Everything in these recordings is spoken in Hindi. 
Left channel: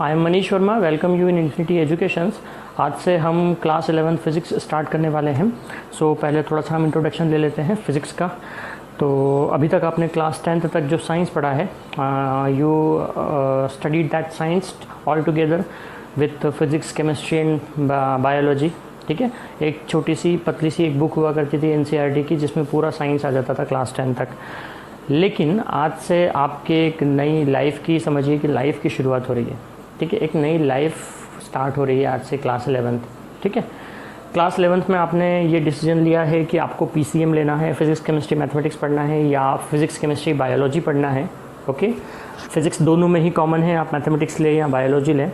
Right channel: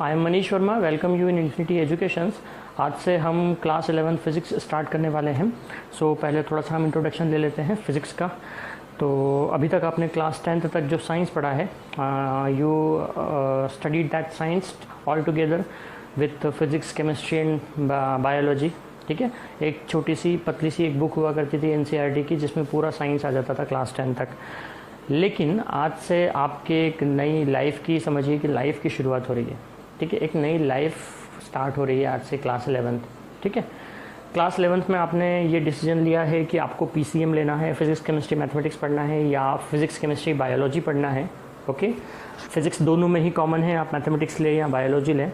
I am Manish Verma, welcome you in infinity educations. आज से हम क्लास 11 फिज़िक्स स्टार्ट करने वाले हैं। पहले थोड़ा सा हम इंट्रोडक्शन ले लेते हैं फिज़िक्स का। तो अभी तक आपने क्लास 10th तक जो साइंस पढ़ा है, you studied that science all together with physics, chemistry and biology. ठीक है, एक छोटी सी पतली सी एक बुक हुआ करती थी NCERT की, जिसमें पूरा साइंस आ जाता था क्लास 10 तक। लेकिन आज से आपके एक नई लाइफ की, समझिए कि लाइफ की शुरुआत हो रही है। ठीक है, एक नई लाइफ स्टार्ट हो रही है आज से क्लास 11th। ठीक है, क्लास 11th में आपने ये डिसीजन लिया है कि आपको PCM लेना है, फिज़िक्स केमिस्ट्री मैथमेटिक्स पढ़ना है, या फिज़िक्स केमिस्ट्री बायोलॉजी पढ़ना है। ओके, फिज़िक्स दोनों में ही कॉमन है, आप मैथमेटिक्स लें या बायोलॉजी लें।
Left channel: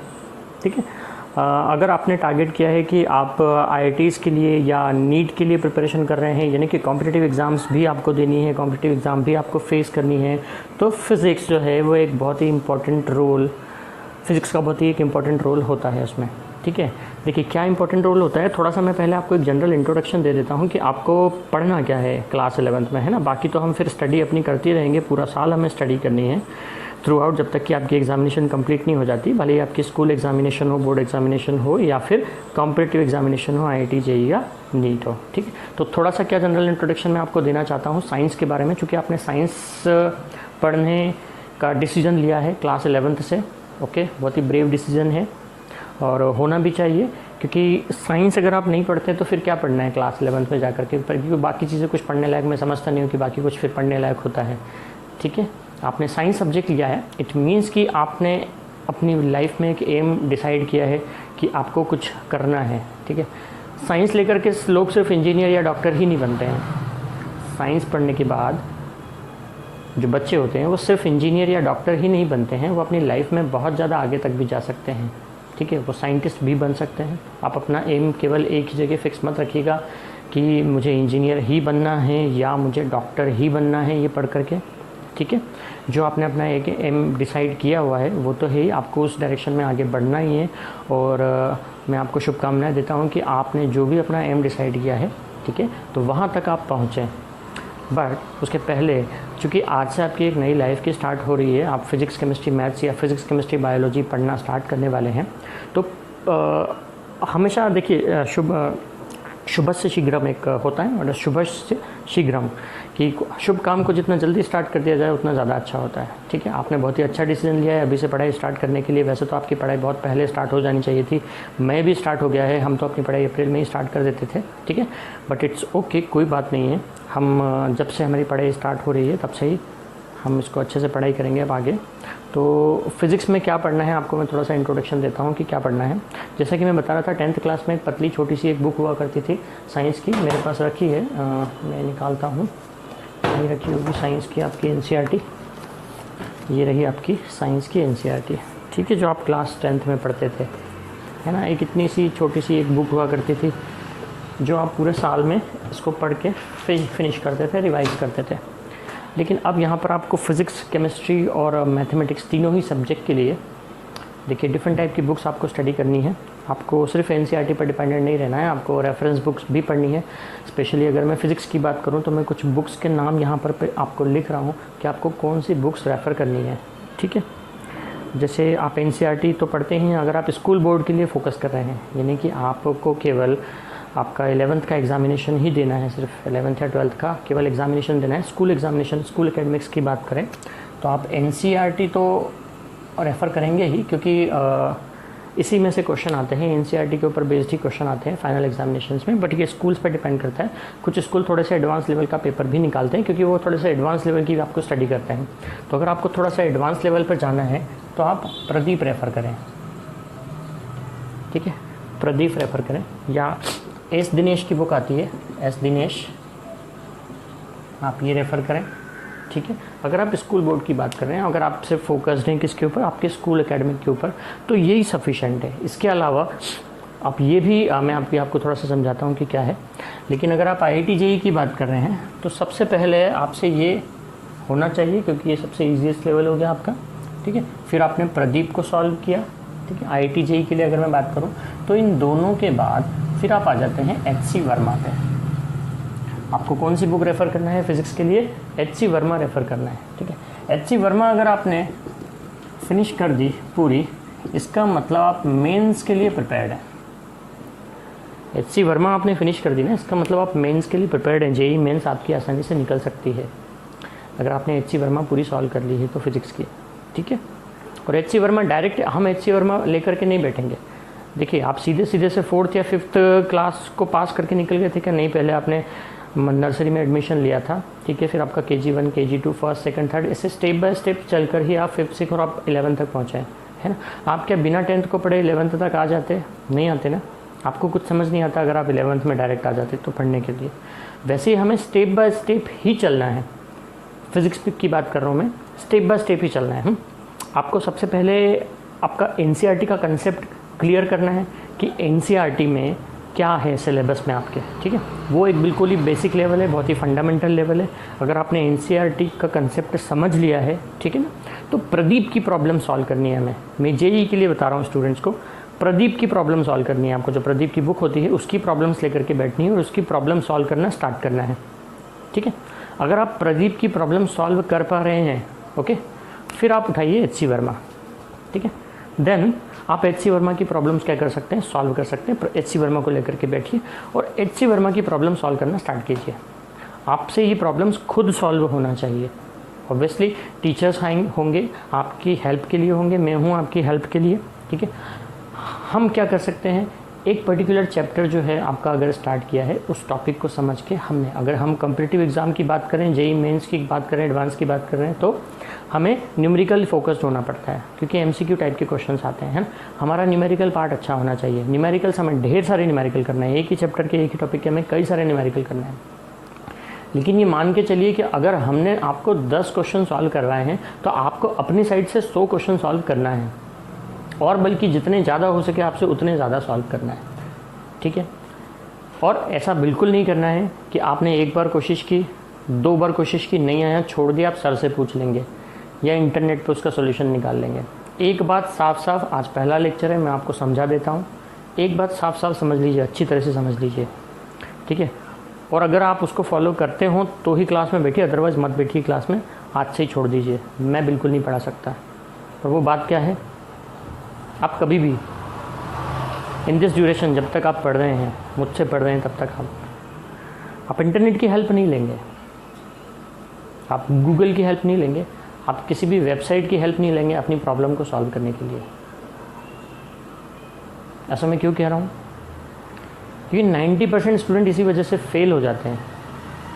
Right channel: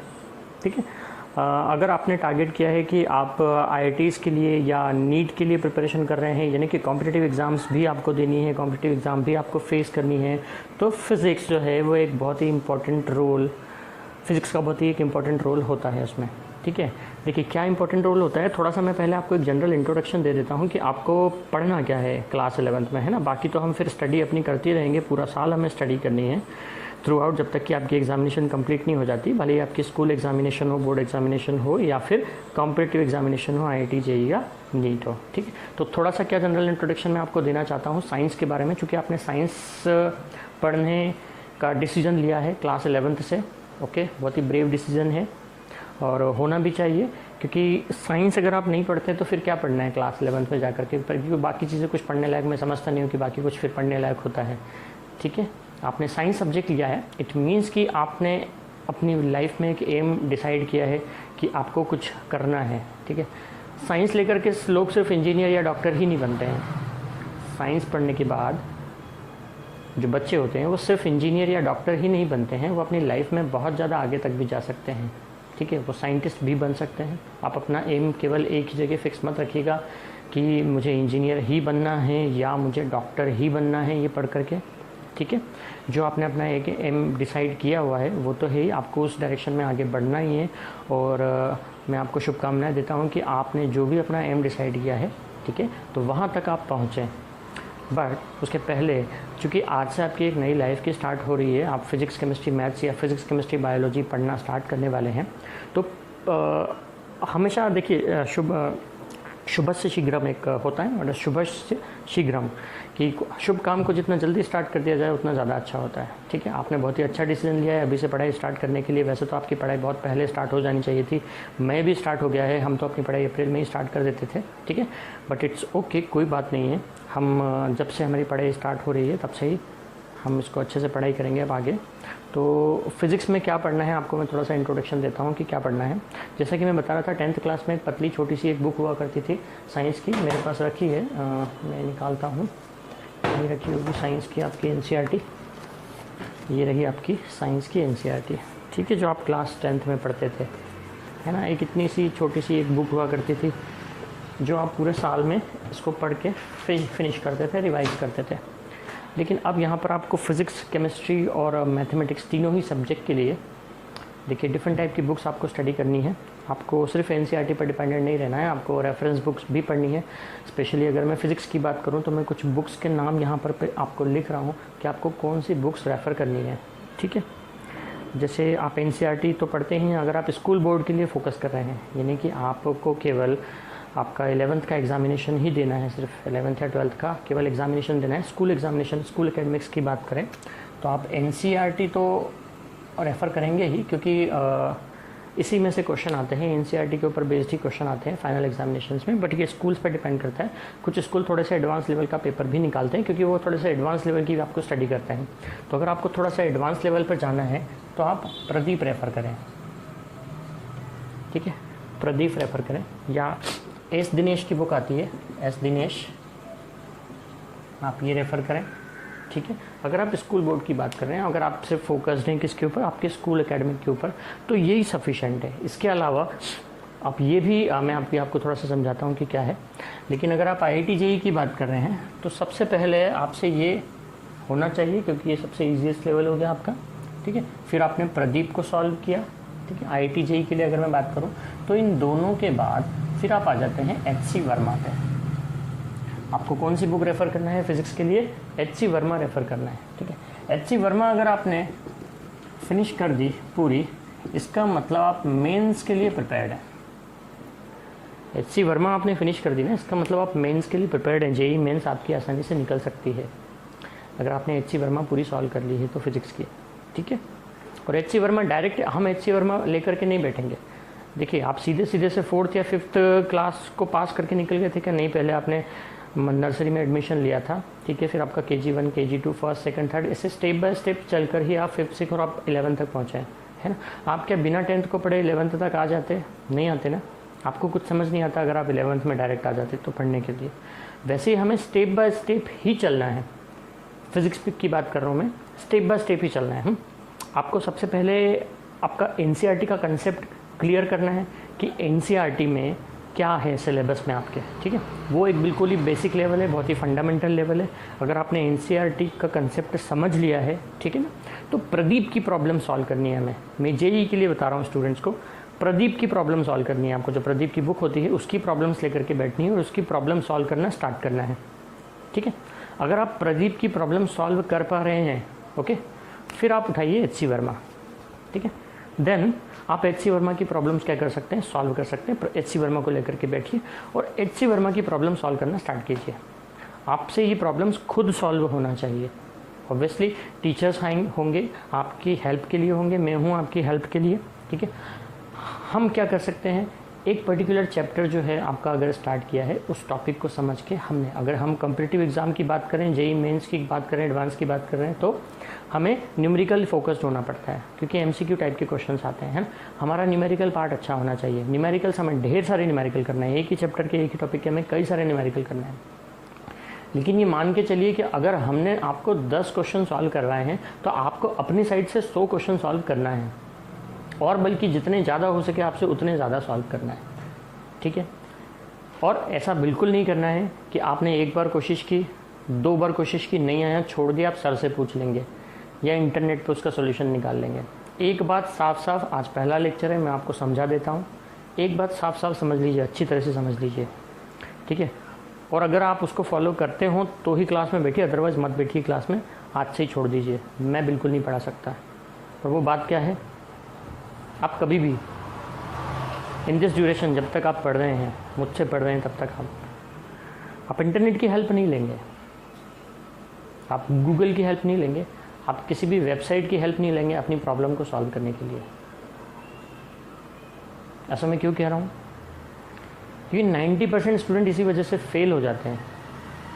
ठीक है, अगर आपने टारगेट किया है कि आप IITs के लिए या नीट के लिए प्रिपरेशन कर रहे हैं, यानी कि कॉम्पिटिटिव एग्ज़ाम्स भी आपको देनी है, कॉम्पिटिटिव एग्ज़ाम भी आपको फेस करनी है, तो फिज़िक्स जो है वो एक बहुत ही इम्पॉर्टेंट रोल, फिज़िक्स का बहुत ही एक इम्पॉर्टेंट रोल होता है उसमें। ठीक है, देखिए क्या इंपॉर्टेंट रोल होता है, थोड़ा सा मैं पहले आपको एक जनरल इंट्रोडक्शन दे देता हूँ कि आपको पढ़ना क्या है क्लास 11th में, है ना। बाकी तो हम फिर स्टडी अपनी करते रहेंगे, पूरा साल हमें स्टडी करनी है थ्रू आउट, जब तक कि आपकी एग्जामिनेशन कंप्लीट नहीं हो जाती, भले ही आपकी स्कूल एग्जामिनेशन हो, बोर्ड एग्जामिनेशन हो, या फिर कॉम्पिटिटिव एग्जामिनेशन हो, IIT JEE या नीट हो। ठीक है, तो थोड़ा सा क्या जनरल इंट्रोडक्शन मैं आपको देना चाहता हूँ साइंस के बारे में, चूँकि आपने साइंस पढ़ने का डिसीजन लिया है क्लास 11th से। ओके, बहुत ही ब्रेव डिसीजन है और होना भी चाहिए, क्योंकि साइंस अगर आप नहीं पढ़ते तो फिर क्या पढ़ना है क्लास 11th में जाकर के, क्योंकि बाकी चीज़ें कुछ पढ़ने लायक मैं समझता नहीं हूँ कि बाकी कुछ फिर पढ़ने लायक होता है। ठीक है, आपने साइंस सब्जेक्ट लिया है, इट मीन्स कि आपने अपनी लाइफ में एक एम डिसाइड किया है कि आपको कुछ करना है। ठीक है, साइंस लेकर के लोग सिर्फ इंजीनियर या डॉक्टर ही नहीं बनते हैं। साइंस पढ़ने के बाद जो बच्चे होते हैं वो सिर्फ इंजीनियर या डॉक्टर ही नहीं बनते हैं, वो अपनी लाइफ में बहुत ज़्यादा आगे तक भी जा सकते हैं। ठीक है, वो साइंटिस्ट भी बन सकते हैं। आप अपना एम केवल एक ही जगह फिक्स मत रखिएगा कि मुझे इंजीनियर ही बनना है या मुझे डॉक्टर ही बनना है ये पढ़ करके। ठीक है, जो आपने अपना एक एम डिसाइड किया हुआ है वो तो है ही, आपको उस डायरेक्शन में आगे बढ़ना ही है। और मैं आपको शुभकामनाएं देता हूँ कि आपने जो भी अपना एम डिसाइड किया है, ठीक है, तो वहाँ तक आप पहुँचें। बट उसके पहले, चूँकि आज से आपकी एक नई लाइफ की स्टार्ट हो रही है, आप फिज़िक्स केमिस्ट्री मैथ्स या फिज़िक्स केमिस्ट्री बायोलॉजी पढ़ना स्टार्ट करने वाले हैं, तो हमेशा देखिए शुभ से शीघ्रम एक होता है, और शुभ से शीघ्रम, कि शुभ काम को जितना जल्दी स्टार्ट कर दिया जाए उतना ज़्यादा अच्छा होता है। ठीक है, आपने बहुत ही अच्छा डिसीजन लिया है अभी से पढ़ाई स्टार्ट करने के लिए। वैसे तो आपकी पढ़ाई बहुत पहले स्टार्ट हो जानी चाहिए थी, मैं भी स्टार्ट हो गया है, हम तो अपनी पढ़ाई अप्रैल में ही स्टार्ट कर देते थे। ठीक है, बट इट्स ओके, कोई बात नहीं है। हम जब से हमारी पढ़ाई स्टार्ट हो रही है तब से ही हम इसको अच्छे से पढ़ाई करेंगे अब आगे। तो फिज़िक्स में क्या पढ़ना है आपको मैं थोड़ा सा इंट्रोडक्शन देता हूँ कि क्या पढ़ना है। जैसा कि मैं बता रहा था, 10th क्लास में एक पतली छोटी सी एक बुक हुआ करती थी साइंस की, मेरे पास रखी है, मैं निकालता हूँ, ये रखी होगी साइंस की आपकी NCERT, ये रही आपकी साइंस की NCERT। ठीक है, जो आप क्लास 10th में पढ़ते थे, है ना। एक इतनी सी छोटी सी एक बुक हुआ करती थी जो आप पूरे साल में इसको पढ़ के फिनिश करते थे, रिवाइज करते थे। लेकिन अब यहाँ पर आपको फिज़िक्स, केमिस्ट्री और मैथमेटिक्स तीनों ही सब्जेक्ट के लिए देखिए डिफरेंट टाइप की बुक्स आपको स्टडी करनी है। आपको सिर्फ NCERT पर डिपेंडेंट नहीं रहना है, आपको रेफरेंस बुक्स भी पढ़नी है। स्पेशली अगर मैं फ़िज़िक्स की बात करूँ तो मैं कुछ बुक्स के नाम यहाँ पर आपको लिख रहा हूँ कि आपको कौन सी बुक्स रेफ़र करनी है। ठीक है, जैसे आप NCERT तो पढ़ते ही हैं, अगर आप स्कूल बोर्ड के लिए फ़ोकस कर रहे हैं, यानी कि आपको केवल आपका 11th का एग्ज़ामिनेशन ही देना है, सिर्फ 11th या 12th का केवल एग्ज़ामिनेशन देना है, स्कूल एग्ज़ामिनेशन, स्कूल एकेडमिक्स की बात करें तो आप NCERT तो रेफ़र करेंगे ही, क्योंकि इसी में से क्वेश्चन आते हैं, NCERT के ऊपर बेस्ड ही क्वेश्चन आते हैं फाइनल एग्जामिनेशंस में। बट ये स्कूल्स पर डिपेंड करता है, कुछ स्कूल थोड़े से एडवांस लेवल का पेपर भी निकालते हैं, क्योंकि वो थोड़े से एडवांस लेवल की आपको स्टडी करते हैं। तो अगर आपको थोड़ा सा एडवांस लेवल पर जाना है तो आप प्रदीप रेफ़र करें। ठीक है, प्रदीप रेफ़र करें, या S दिनेश की बुक आती है, S दिनेश, आप ये रेफ़र करें। ठीक है, अगर आप स्कूल बोर्ड की बात कर रहे हैं, अगर आप सिर्फ फोकस्ड हैं किसके ऊपर, आपके स्कूल एकेडमिक के ऊपर, तो यही सफिशेंट है। इसके अलावा आप ये भी मैं आपको थोड़ा सा समझाता हूँ कि क्या है। लेकिन अगर आप IIT JEE की बात कर रहे हैं तो सबसे पहले आपसे ये होना चाहिए, क्योंकि ये सबसे ईजीएस्ट लेवल हो गया आपका। ठीक है, फिर आपने प्रदीप को सॉल्व किया। ठीक है, IIT JEE के लिए अगर मैं बात करूँ तो इन दोनों के बाद फिर आप आ जाते हैं HC वर्मा पे। आपको कौन सी बुक रेफ़र करना है फिज़िक्स के लिए? HC वर्मा रेफ़र करना है। ठीक है, HC वर्मा अगर आपने फिनिश कर दी पूरी, इसका मतलब आप मेंस के लिए प्रिपेयर्ड हैं। HC वर्मा आपने फिनिश कर दी ना, इसका मतलब आप मेंस के लिए प्रिपेयर्ड हैं। जेई मेंस आपकी आसानी से निकल सकती है अगर आपने HC वर्मा पूरी सॉल्व कर ली है तो फिजिक्स की, ठीक है। और HC वर्मा डायरेक्ट हम HC वर्मा लेकर के नहीं बैठेंगे। देखिए आप सीधे सीधे से 4th या 5th क्लास को पास करके निकल गए थे क्या? नहीं, पहले आपने नर्सरी में एडमिशन लिया था, ठीक है, फिर आपका KG1 KG2 first second third, ऐसे स्टेप बाय स्टेप चलकर ही आप 5th 6th और आप 11th तक पहुँचे हैं, है ना। आप क्या बिना 10th को पढ़े 11th तक आ जाते? नहीं आते ना, आपको कुछ समझ नहीं आता अगर आप 11th में डायरेक्ट आ जाते तो पढ़ने के लिए। वैसे ही हमें स्टेप बाय स्टेप ही चलना है। फिजिक्स की बात कर रहा हूँ मैं, स्टेप बाय स्टेप ही चलना है। आपको सबसे पहले आपका NCERT का कंसेप्ट क्लियर करना है कि NCERT में क्या है सिलेबस में आपके, ठीक है। वो एक बिल्कुल ही बेसिक लेवल है, बहुत ही फंडामेंटल लेवल है। अगर आपने NCERT का कंसेप्ट समझ लिया है, ठीक है ना, तो प्रदीप की प्रॉब्लम सॉल्व करनी है हमें। मैं JEE के लिए बता रहा हूँ स्टूडेंट्स को, प्रदीप की प्रॉब्लम सॉल्व करनी है आपको। जो प्रदीप की बुक होती है उसकी प्रॉब्लम्स लेकर के बैठनी है और उसकी प्रॉब्लम सॉल्व करना स्टार्ट करना है, ठीक है। अगर आप प्रदीप की प्रॉब्लम सॉल्व कर पा रहे हैं, ओके, फिर आप उठाइए HC वर्मा, ठीक है। देन आप HC वर्मा की प्रॉब्लम्स क्या कर सकते हैं, सॉल्व कर सकते हैं। HC वर्मा को लेकर के बैठिए और HC वर्मा की प्रॉब्लम सॉल्व करना स्टार्ट कीजिए। आपसे ये प्रॉब्लम्स खुद सॉल्व होना चाहिए। ऑब्वियसली टीचर्स होंगे आपकी हेल्प के लिए, होंगे, मैं हूँ आपकी हेल्प के लिए, ठीक है। हम क्या कर सकते हैं, एक पर्टिकुलर चैप्टर जो है आपका अगर स्टार्ट किया है, उस टॉपिक को समझ के हमने, अगर हम कॉम्पिटिटिव एग्जाम की बात करें, JEE मेंस की बात करें, एडवांस की बात कर रहे हैं, तो हमें न्यूमेरिकल फोकस्ड होना पड़ता है क्योंकि MCQ टाइप के क्वेश्चंस आते हैं। हमारा न्यूमेरिकल पार्ट अच्छा होना चाहिए। न्यूमेरिकल हमें ढेर सारे न्यूमेरिकल करना है, एक ही चैप्टर के एक ही टॉपिक के हमें कई सारे न्यूमेरिकल करना है। लेकिन ये मान के चलिए कि अगर हमने आपको 10 क्वेश्चन सॉल्व करवाए हैं तो आपको अपनी साइड से 100 क्वेश्चन सॉल्व करना है, और बल्कि जितने ज़्यादा हो सके आपसे उतने ज़्यादा सॉल्व करना है, ठीक है। और ऐसा बिल्कुल नहीं करना है कि आपने एक बार कोशिश की, 2 बार कोशिश की, नहीं आया, छोड़ दिया, आप सर से पूछ लेंगे या इंटरनेट पे उसका सॉल्यूशन निकाल लेंगे। एक बात साफ साफ, आज पहला लेक्चर है, मैं आपको समझा देता हूँ, एक बात साफ साफ समझ लीजिए, अच्छी तरह से समझ लीजिए, ठीक है। और अगर आप उसको फॉलो करते हो तो ही क्लास में बैठिए, अदरवाइज़ मत बैठिए क्लास में, आज से ही छोड़ दीजिए। मैं बिल्कुल नहीं पढ़ा सकता। और वो बात क्या है, आप कभी भी इन दिस ड्यूरेशन, जब तक आप पढ़ रहे हैं, मुझसे पढ़ रहे हैं, तब तक आप इंटरनेट की हेल्प नहीं लेंगे, आप गूगल की हेल्प नहीं लेंगे, आप किसी भी वेबसाइट की हेल्प नहीं लेंगे अपनी प्रॉब्लम को सॉल्व करने के लिए। ऐसा मैं क्यों कह रहा हूँ, क्योंकि 90% स्टूडेंट इसी वजह से फेल हो जाते हैं,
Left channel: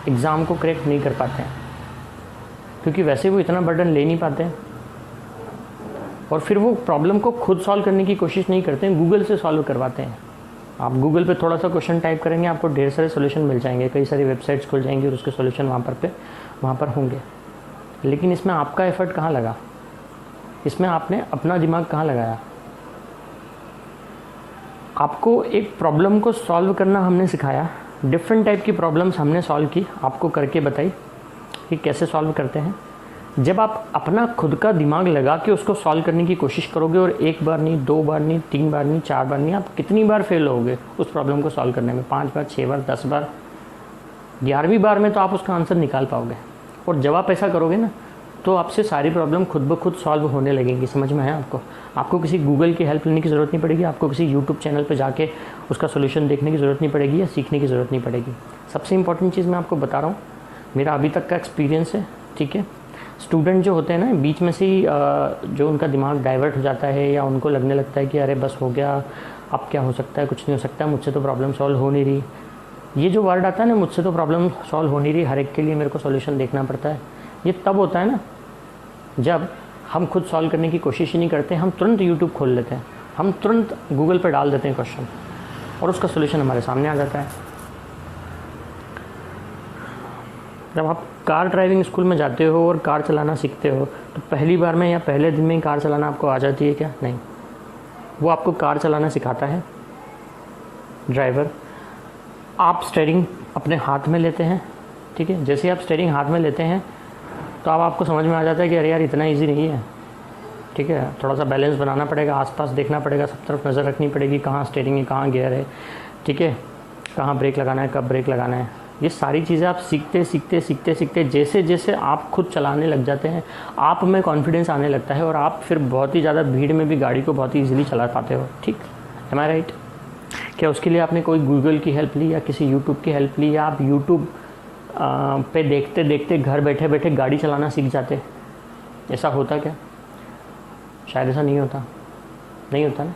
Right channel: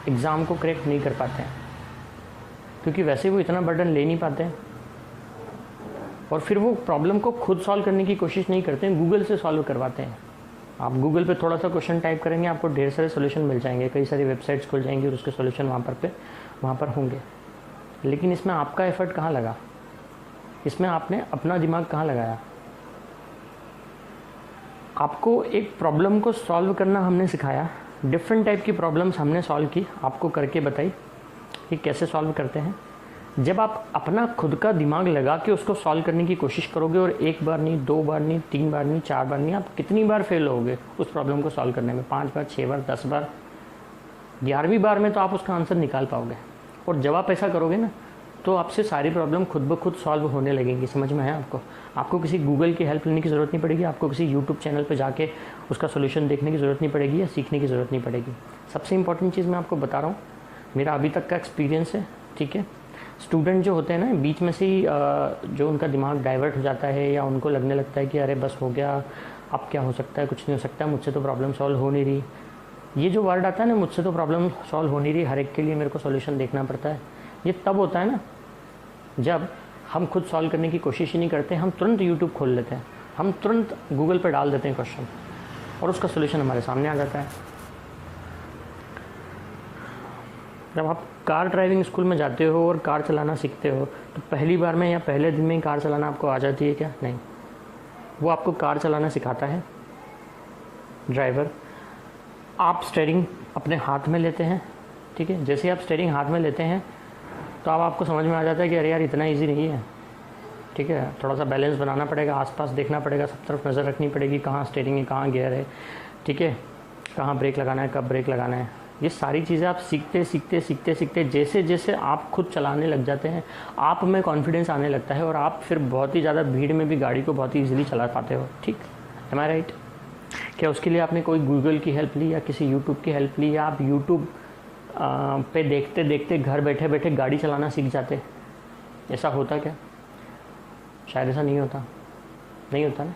एग्ज़ाम को क्रैक नहीं कर पाते हैं, क्योंकि वैसे वो इतना बर्डन ले नहीं पाते हैं और फिर वो प्रॉब्लम को खुद सॉल्व करने की कोशिश नहीं करते हैं, गूगल से सॉल्व करवाते हैं। आप गूगल पे थोड़ा सा क्वेश्चन टाइप करेंगे, आपको ढेर सारे सोल्यूशन मिल जाएंगे, कई सारी वेबसाइट्स खुल जाएंगी और उसके सोल्यूशन वहाँ पर होंगे। लेकिन इसमें आपका एफर्ट कहाँ लगा, इसमें आपने अपना दिमाग कहाँ लगाया। आपको एक प्रॉब्लम को सॉल्व करना हमने सिखाया, डिफरेंट टाइप की प्रॉब्लम्स हमने सॉल्व की, आपको करके बताई कि कैसे सॉल्व करते हैं। जब आप अपना खुद का दिमाग लगा के उसको सॉल्व करने की कोशिश करोगे, और 1 बार नहीं, 2 बार नहीं, 3 बार नहीं, 4 बार नहीं, आप कितनी बार फेल होगे उस प्रॉब्लम को सॉल्व करने में, 5 बार, 6 बार, 10 बार, 11वीं बार में तो आप उसका आंसर निकाल पाओगे। और जब आप ऐसा करोगे ना, तो आपसे सारी प्रॉब्लम खुद ब खुद सॉल्व होने लगेंगी। समझ में है आपको किसी गूगल की हेल्प लेने की ज़रूरत नहीं पड़ेगी, आपको किसी यूट्यूब चैनल पर जाके उसका सोल्यूशन देखने की ज़रूरत नहीं पड़ेगी या सीखने की ज़रूरत नहीं पड़ेगी। सबसे इंपॉर्टेंट चीज़ मैं आपको बता रहा हूँ, मेरा अभी तक का एक्सपीरियंस है, ठीक है। स्टूडेंट जो होते हैं ना, बीच में से ही जो उनका दिमाग डाइवर्ट हो जाता है या उनको लगने लगता है कि अरे बस हो गया, अब क्या हो सकता है, कुछ नहीं हो सकता, मुझसे तो प्रॉब्लम सॉल्व हो नहीं रही। ये जो वर्ड आता है ना, मुझसे तो प्रॉब्लम सॉल्व हो नहीं रही, हर एक के लिए मेरे को सॉल्यूशन देखना पड़ता है, ये तब होता है ना जब हम खुद सॉल्व करने की कोशिश ही नहीं करते। हम तुरंत यूट्यूब खोल लेते हैं, हम तुरंत गूगल पर डाल देते हैं क्वेश्चन और उसका सोल्यूशन हमारे सामने आ जाता है। जब आप कार ड्राइविंग स्कूल में जाते हो और कार चलाना सीखते हो, तो पहली बार में या पहले दिन में ही कार चलाना आपको आ जाती है क्या? नहीं, वो आपको कार चलाना सिखाता है ड्राइवर। आप स्टीयरिंग अपने हाथ में लेते हैं, ठीक है। जैसे आप स्टीयरिंग हाथ में लेते हैं तो अब आपको समझ में आ जाता है कि अरे यार इतना इजी नहीं है, ठीक है। थोड़ा सा बैलेंस बनाना पड़ेगा, आसपास देखना पड़ेगा, सब तरफ नज़र रखनी पड़ेगी, कहाँ स्टीयरिंग है, कहाँ गियर है, ठीक है, कहाँ ब्रेक लगाना है, कब ब्रेक लगाना है, ये सारी चीज़ें आप सीखते सीखते सीखते सीखते जैसे जैसे आप खुद चलाने लग जाते हैं, आप में कॉन्फिडेंस आने लगता है और आप फिर बहुत ही ज़्यादा भीड़ में भी गाड़ी को बहुत ही ईजिली चला पाते हो। ठीक, एम आई राइट? क्या उसके लिए आपने कोई गूगल की हेल्प ली या किसी यूट्यूब की हेल्प ली, या आप यूट्यूब पे देखते देखते घर बैठे बैठे गाड़ी चलाना सीख जाते? ऐसा होता क्या? शायद ऐसा नहीं होता, नहीं होता ना।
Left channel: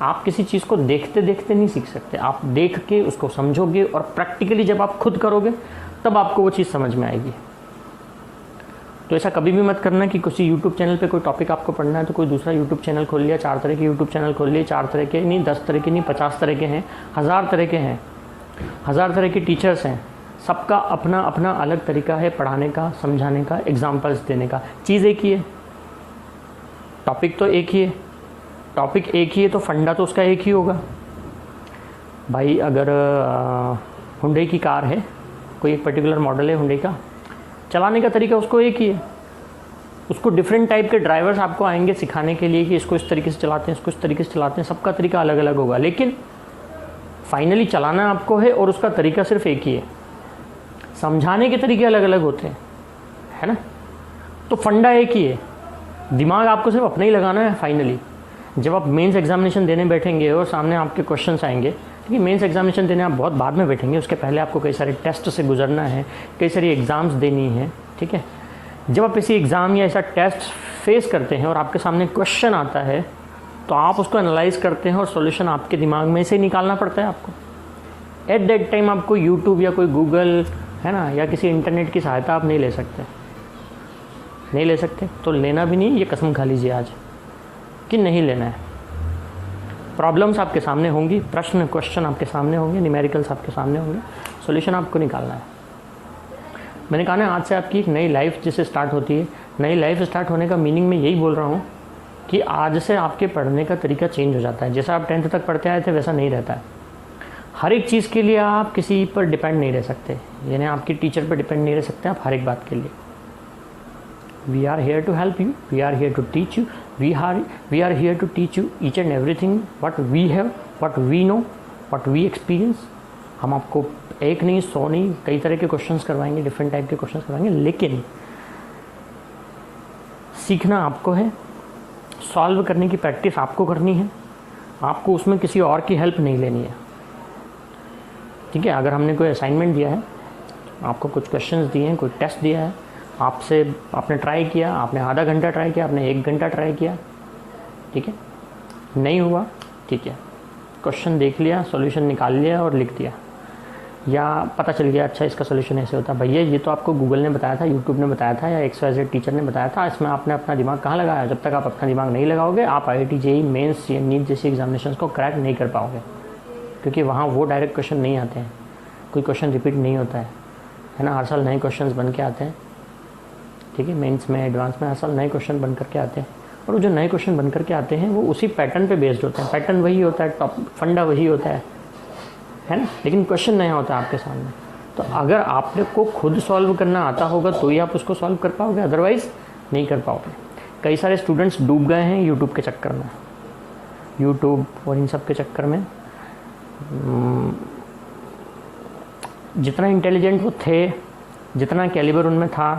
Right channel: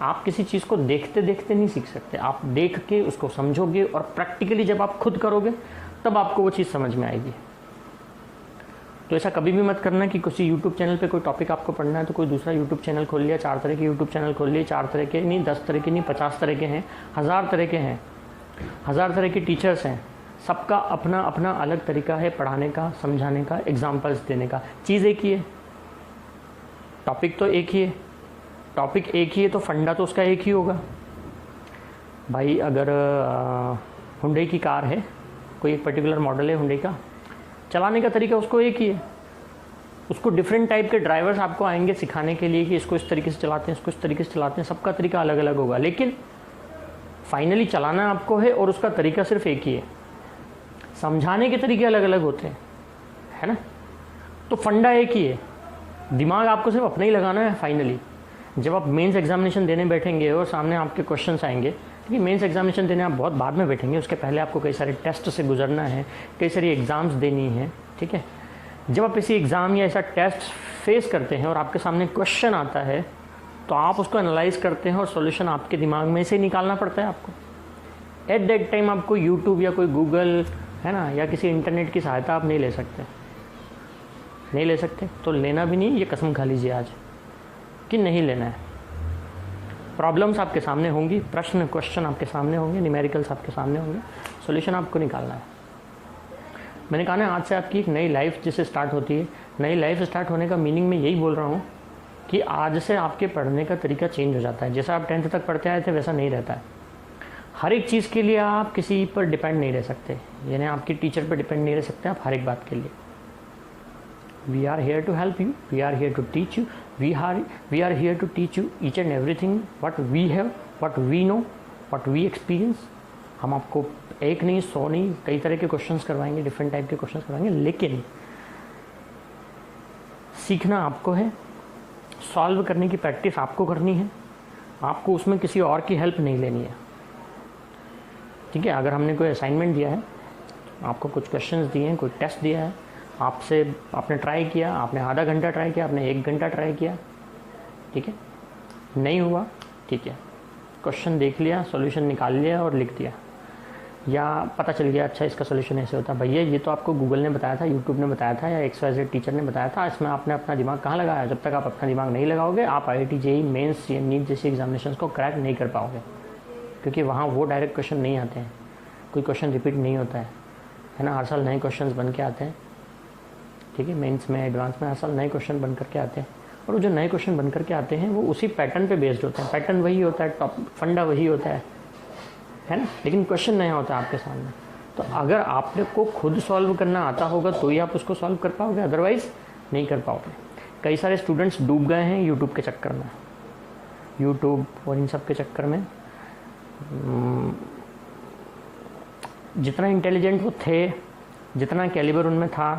आप किसी चीज़ को देखते देखते नहीं सीख सकते, आप देख के उसको समझोगे और प्रैक्टिकली जब आप खुद करोगे तब आपको वो चीज़ समझ में आएगी। तो ऐसा कभी भी मत करना कि किसी यूट्यूब चैनल पे कोई टॉपिक आपको पढ़ना है तो कोई दूसरा यूट्यूब चैनल खोल लिया, 4 तरह के यूट्यूब चैनल खोल लिए, 4 तरह के नहीं, 10 तरह के नहीं, 50 तरह के हैं, 1000 तरह के हैं, 1000 तरह के टीचर्स हैं। सबका अपना अपना अलग तरीका है पढ़ाने का, समझाने का, एग्जाम्पल्स देने का। चीज़ एक ही है, टॉपिक तो एक ही है, टॉपिक एक ही है तो फंडा तो उसका एक ही होगा। भाई अगर हुंडई की कार है, कोई एक पर्टिकुलर मॉडल है हुंडई का, चलाने का तरीका उसको एक ही है। उसको डिफरेंट टाइप के ड्राइवर्स आपको आएंगे सिखाने के लिए कि इसको इस तरीके से चलाते हैं, इसको इस तरीके से चलाते हैं, सबका तरीका अलग अलग होगा, लेकिन फाइनली चलाना आपको है और उसका तरीका सिर्फ एक ही है। समझाने के तरीके अलग अलग होते हैं, है ना? तो फंडा एक ही है, दिमाग आपको सिर्फ अपना ही लगाना है। फाइनली जब आप मेंस एग्जामिनेशन देने बैठेंगे और सामने आपके क्वेश्चंस आएंगे, क्योंकि मेंस एग्जामिनेशन देने आप बहुत बाद में बैठेंगे, उसके पहले आपको कई सारे टेस्ट से गुजरना है, कई सारी एग्ज़ाम्स देनी है, ठीक है? जब आप किसी एग्ज़ाम या ऐसा टेस्ट फेस करते हैं और आपके सामने क्वेश्चन आता है तो आप उसको एनालाइज करते हैं और सॉल्यूशन आपके दिमाग में से निकालना पड़ता है आपको। एट दैट टाइम आपको यूट्यूब या कोई गूगल, है ना, या किसी इंटरनेट की सहायता आप नहीं ले सकते, नहीं ले सकते। तो लेना भी नहीं, ये कसम खा लीजिए आज कि नहीं लेना है। प्रॉब्लम्स आपके सामने होंगी, प्रश्न क्वेश्चन आपके सामने होंगे, न्यूमेरिकल्स आपके सामने होंगे, सॉल्यूशन आपको निकालना है। मैंने कहा ना, आज से आपकी एक नई लाइफ जिससे स्टार्ट होती है। नई लाइफ स्टार्ट होने का मीनिंग मैं यही बोल रहा हूँ कि आज से आपके पढ़ने का तरीका चेंज हो जाता है। जैसा आप 10th तक पढ़ते आए थे वैसा नहीं रहता है। हर एक चीज़ के लिए आप किसी पर डिपेंड नहीं रह सकते, यानी आपकी टीचर पर डिपेंड नहीं रह सकते आप हर एक बात के लिए। We are here to help you, we are here to teach you, we are here to teach you each and everything what we have, what we know, what we experience। हम आपको एक नहीं, 100 नहीं, कई तरह के क्वेश्चंस करवाएंगे, डिफरेंट टाइप के क्वेश्चंस करवाएंगे, लेकिन सीखना आपको है, सॉल्व करने की प्रैक्टिस आपको करनी है, आपको उसमें किसी और की हेल्प नहीं लेनी है। ठीक है? अगर हमने कोई असाइनमेंट दिया है, आपको कुछ क्वेश्चंस दिए हैं, कोई टेस्ट दिया है, आपसे आपने ट्राई किया, आपने आधा घंटा ट्राई किया, आपने 1 घंटा ट्राई किया, ठीक है, नहीं हुआ, ठीक है, क्वेश्चन देख लिया, सॉल्यूशन निकाल लिया और लिख दिया, या पता चल गया अच्छा इसका सॉल्यूशन ऐसे होता है। भैया ये तो आपको गूगल ने बताया था, यूट्यूब ने बताया था, या XYZ टीचर ने बताया था, इसमें आपने अपना दिमाग कहाँ लगाया? जब तक आप अपना दिमाग नहीं लगाओगे आप IIT JEE मेंस या नीट जैसी एग्जामिनेशन को क्रैक नहीं कर पाओगे, क्योंकि वहाँ वो डायरेक्ट क्वेश्चन नहीं आते हैं, कोई क्वेश्चन रिपीट नहीं होता है ना? हर साल नए क्वेश्चन बन के आते हैं, ठीक है? मेंस में, एडवांस में हर साल नए क्वेश्चन बन करके आते हैं, और वो जो नए क्वेश्चन बन करके आते हैं वो उसी पैटर्न पे बेस्ड होते हैं। पैटर्न वही होता है, टॉप फंडा वही होता है ना? लेकिन क्वेश्चन नया होता है आपके सामने। तो अगर आपने को खुद सॉल्व करना आता होगा तो ही आप उसको सॉल्व कर पाओगे, अदरवाइज नहीं कर पाओगे। कई सारे स्टूडेंट्स डूब गए हैं यूट्यूब के चक्कर में, यूट्यूब और इन सब के चक्कर में। जितना इंटेलिजेंट वो थे, जितना कैलिबर उनमें था,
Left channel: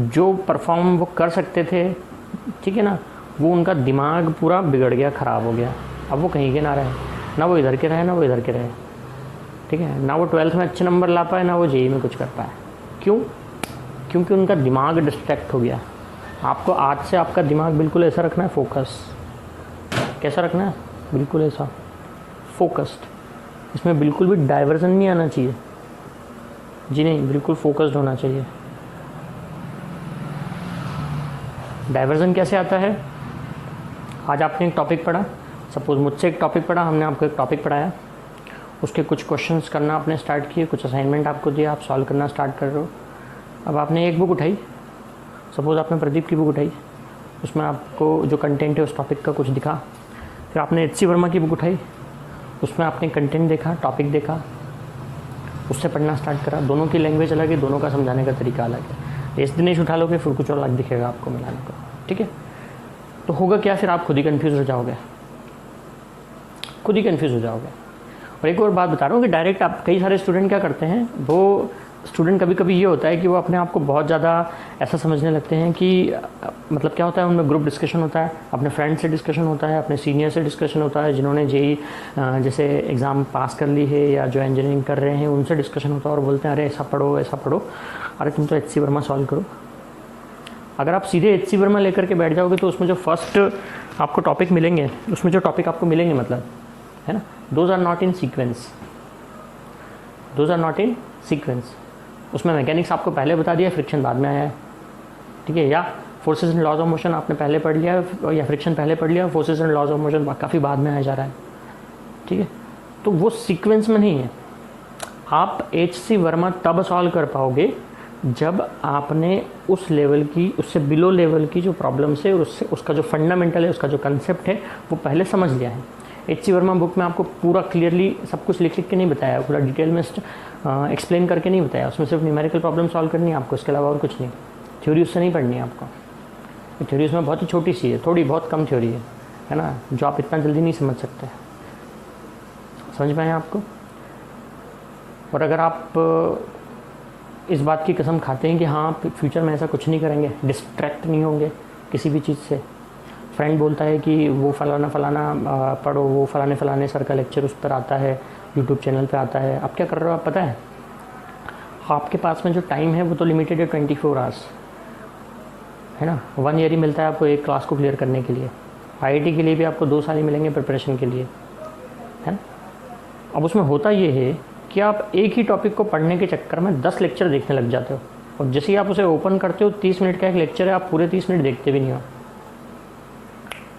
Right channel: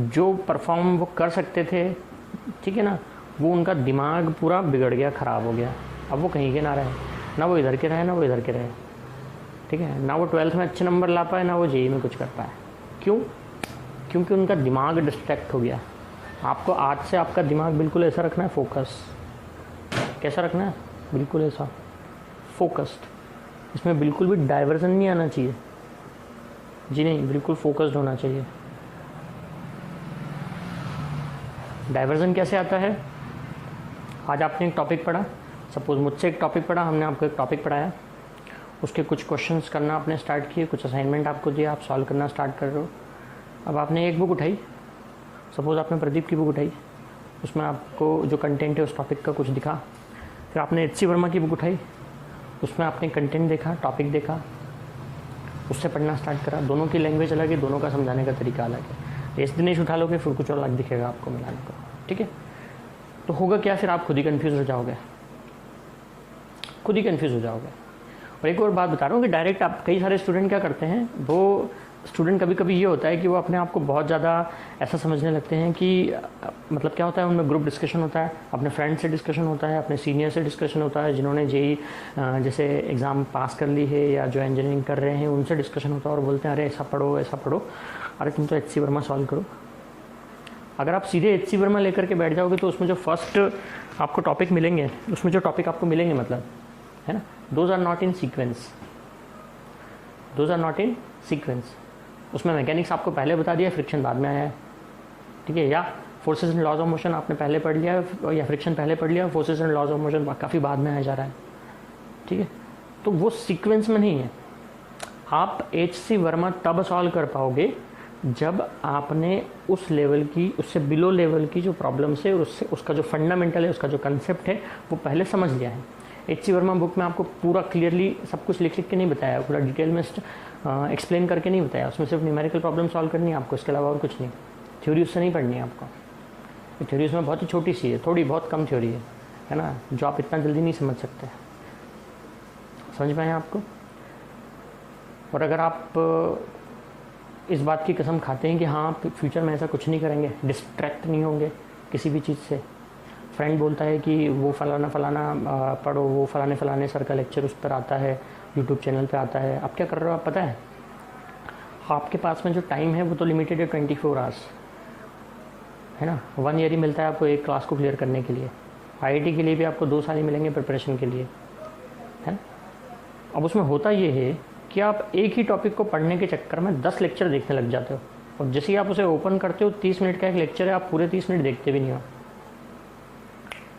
जो परफॉर्म वो कर सकते थे, ठीक है ना, वो उनका दिमाग पूरा बिगड़ गया, ख़राब हो गया। अब वो कहीं के ना रहे, ना वो इधर के रहे, ना वो इधर के रहे, ठीक है? ना वो 12th में अच्छे नंबर ला पाए, ना वो JEE में कुछ कर पाए। क्यों? क्योंकि उनका दिमाग डिस्ट्रैक्ट हो गया। आपको आज से आपका दिमाग बिल्कुल ऐसा रखना है, फोकस। कैसा रखना है? बिल्कुल ऐसा फोकस्ड। इसमें बिल्कुल भी डाइवर्जन नहीं आना चाहिए, जी नहीं, बिल्कुल फोकस्ड होना चाहिए। डाइवर्जन कैसे आता है? आज आपने एक टॉपिक पढ़ा, सपोज मुझसे एक टॉपिक पढ़ा, हमने आपको एक टॉपिक पढ़ाया, उसके कुछ क्वेश्चंस करना आपने स्टार्ट किए, कुछ असाइनमेंट आपको दिया, आप सॉल्व करना स्टार्ट कर रहे हो। अब आपने एक बुक उठाई, सपोज आपने प्रदीप की बुक उठाई, उसमें आपको जो कंटेंट है उस टॉपिक का कुछ दिखा। फिर आपने HC वर्मा की बुक उठाई, उसमें आपने कंटेंट देखा, टॉपिक देखा, उससे पढ़ना स्टार्ट करा। दोनों की लैंग्वेज अलग है, दोनों का समझाने का तरीका अलग है। इस दिनेश उठा लोगे फिर कुछ और अलग दिखेगा आपको मिलाने को, ठीक है? तो होगा क्या, फिर आप खुद ही कंफ्यूज हो जाओगे, खुद ही कंफ्यूज हो जाओगे। और एक और बात बता रहा हूँ कि डायरेक्ट आप, कई सारे स्टूडेंट क्या करते हैं, वो स्टूडेंट कभी कभी ये होता है कि वो अपने आप को बहुत ज़्यादा ऐसा समझने लगते हैं कि मतलब क्या होता है, उनमें ग्रुप डिस्कशन होता है, अपने फ्रेंड से डिस्कशन होता है, अपने सीनियर से डिस्कशन होता है, जिन्होंने जेई जैसे एग्ज़ाम पास कर ली है या जो इंजीनियरिंग कर रहे हैं उनसे डिस्कशन होता है, और बोलते हैं अरे ऐसा पढ़ो ऐसा पढ़ो, अरे तुम तो HC वर्मा सॉल्व करो। अगर आप सीधे HC वर्मा लेकर के बैठ जाओगे तो उसमें जो फर्स्ट आपको टॉपिक मिलेंगे, उसमें जो टॉपिक आपको मिलेंगे मतलब, है ना, those are not in sequence, those are not in sequence. उसमें मैकेनिक्स आपको पहले बता दिया, फ्रिक्शन बाद में आया है, ठीक है, या forces and laws of motion आपने पहले पढ़ लिया, या फ्रिक्शन पहले पढ़ लिया, forces and laws of motion काफ़ी बाद में आया जा रहा है, ठीक है। तो वो सीक्वेंस में नहीं है। आप HC वर्मा तब सॉल्व कर पाओगे जब आपने उस लेवल की, उससे बिलो लेवल की जो प्रॉब्लम्स है, उससे उसका जो फंडामेंटल है, उसका जो कंसेप्ट है वो पहले समझ लिया है। HC वर्मा बुक में आपको पूरा क्लियरली सब कुछ लिख के नहीं बताया, पूरा डिटेल में एक्सप्लेन करके नहीं बताया। उसमें सिर्फ न्यूमेरिकल प्रॉब्लम सॉल्व करनी है आपको, इसके अलावा और कुछ नहीं। थ्योरी उससे नहीं पढ़नी है आपको। थ्योरी उसमें बहुत ही छोटी सी है, थोड़ी बहुत कम थ्योरी है ना, जो आप इतना जल्दी नहीं समझ सकते। समझ में आया आपको? और अगर आप इस बात की कसम खाते हैं कि हाँ फ्यूचर में ऐसा कुछ नहीं करेंगे, डिस्ट्रैक्ट नहीं होंगे किसी भी चीज़ से, फ्रेंड बोलता है कि वो फलाना फलाना पढ़ो, वो फलाने सर का लेक्चर उस पर आता है, यूट्यूब चैनल पे आता है, आप क्या कर रहे हो? आप पता है आपके पास में जो टाइम है वो तो लिमिटेड है 24 आवर्स, है ना। 1 ईयर ही मिलता है आपको एक क्लास को क्लियर करने के लिए। IIT के लिए भी आपको 2 साल ही मिलेंगे प्रिपरेशन के लिए, है ना। अब उसमें होता ये है कि आप एक ही टॉपिक को पढ़ने के चक्कर में 10 लेक्चर देखने लग जाते हो, और जैसे ही आप उसे ओपन करते हो 30 मिनट का एक लेक्चर है, आप पूरे 30 मिनट देखते भी नहीं हो।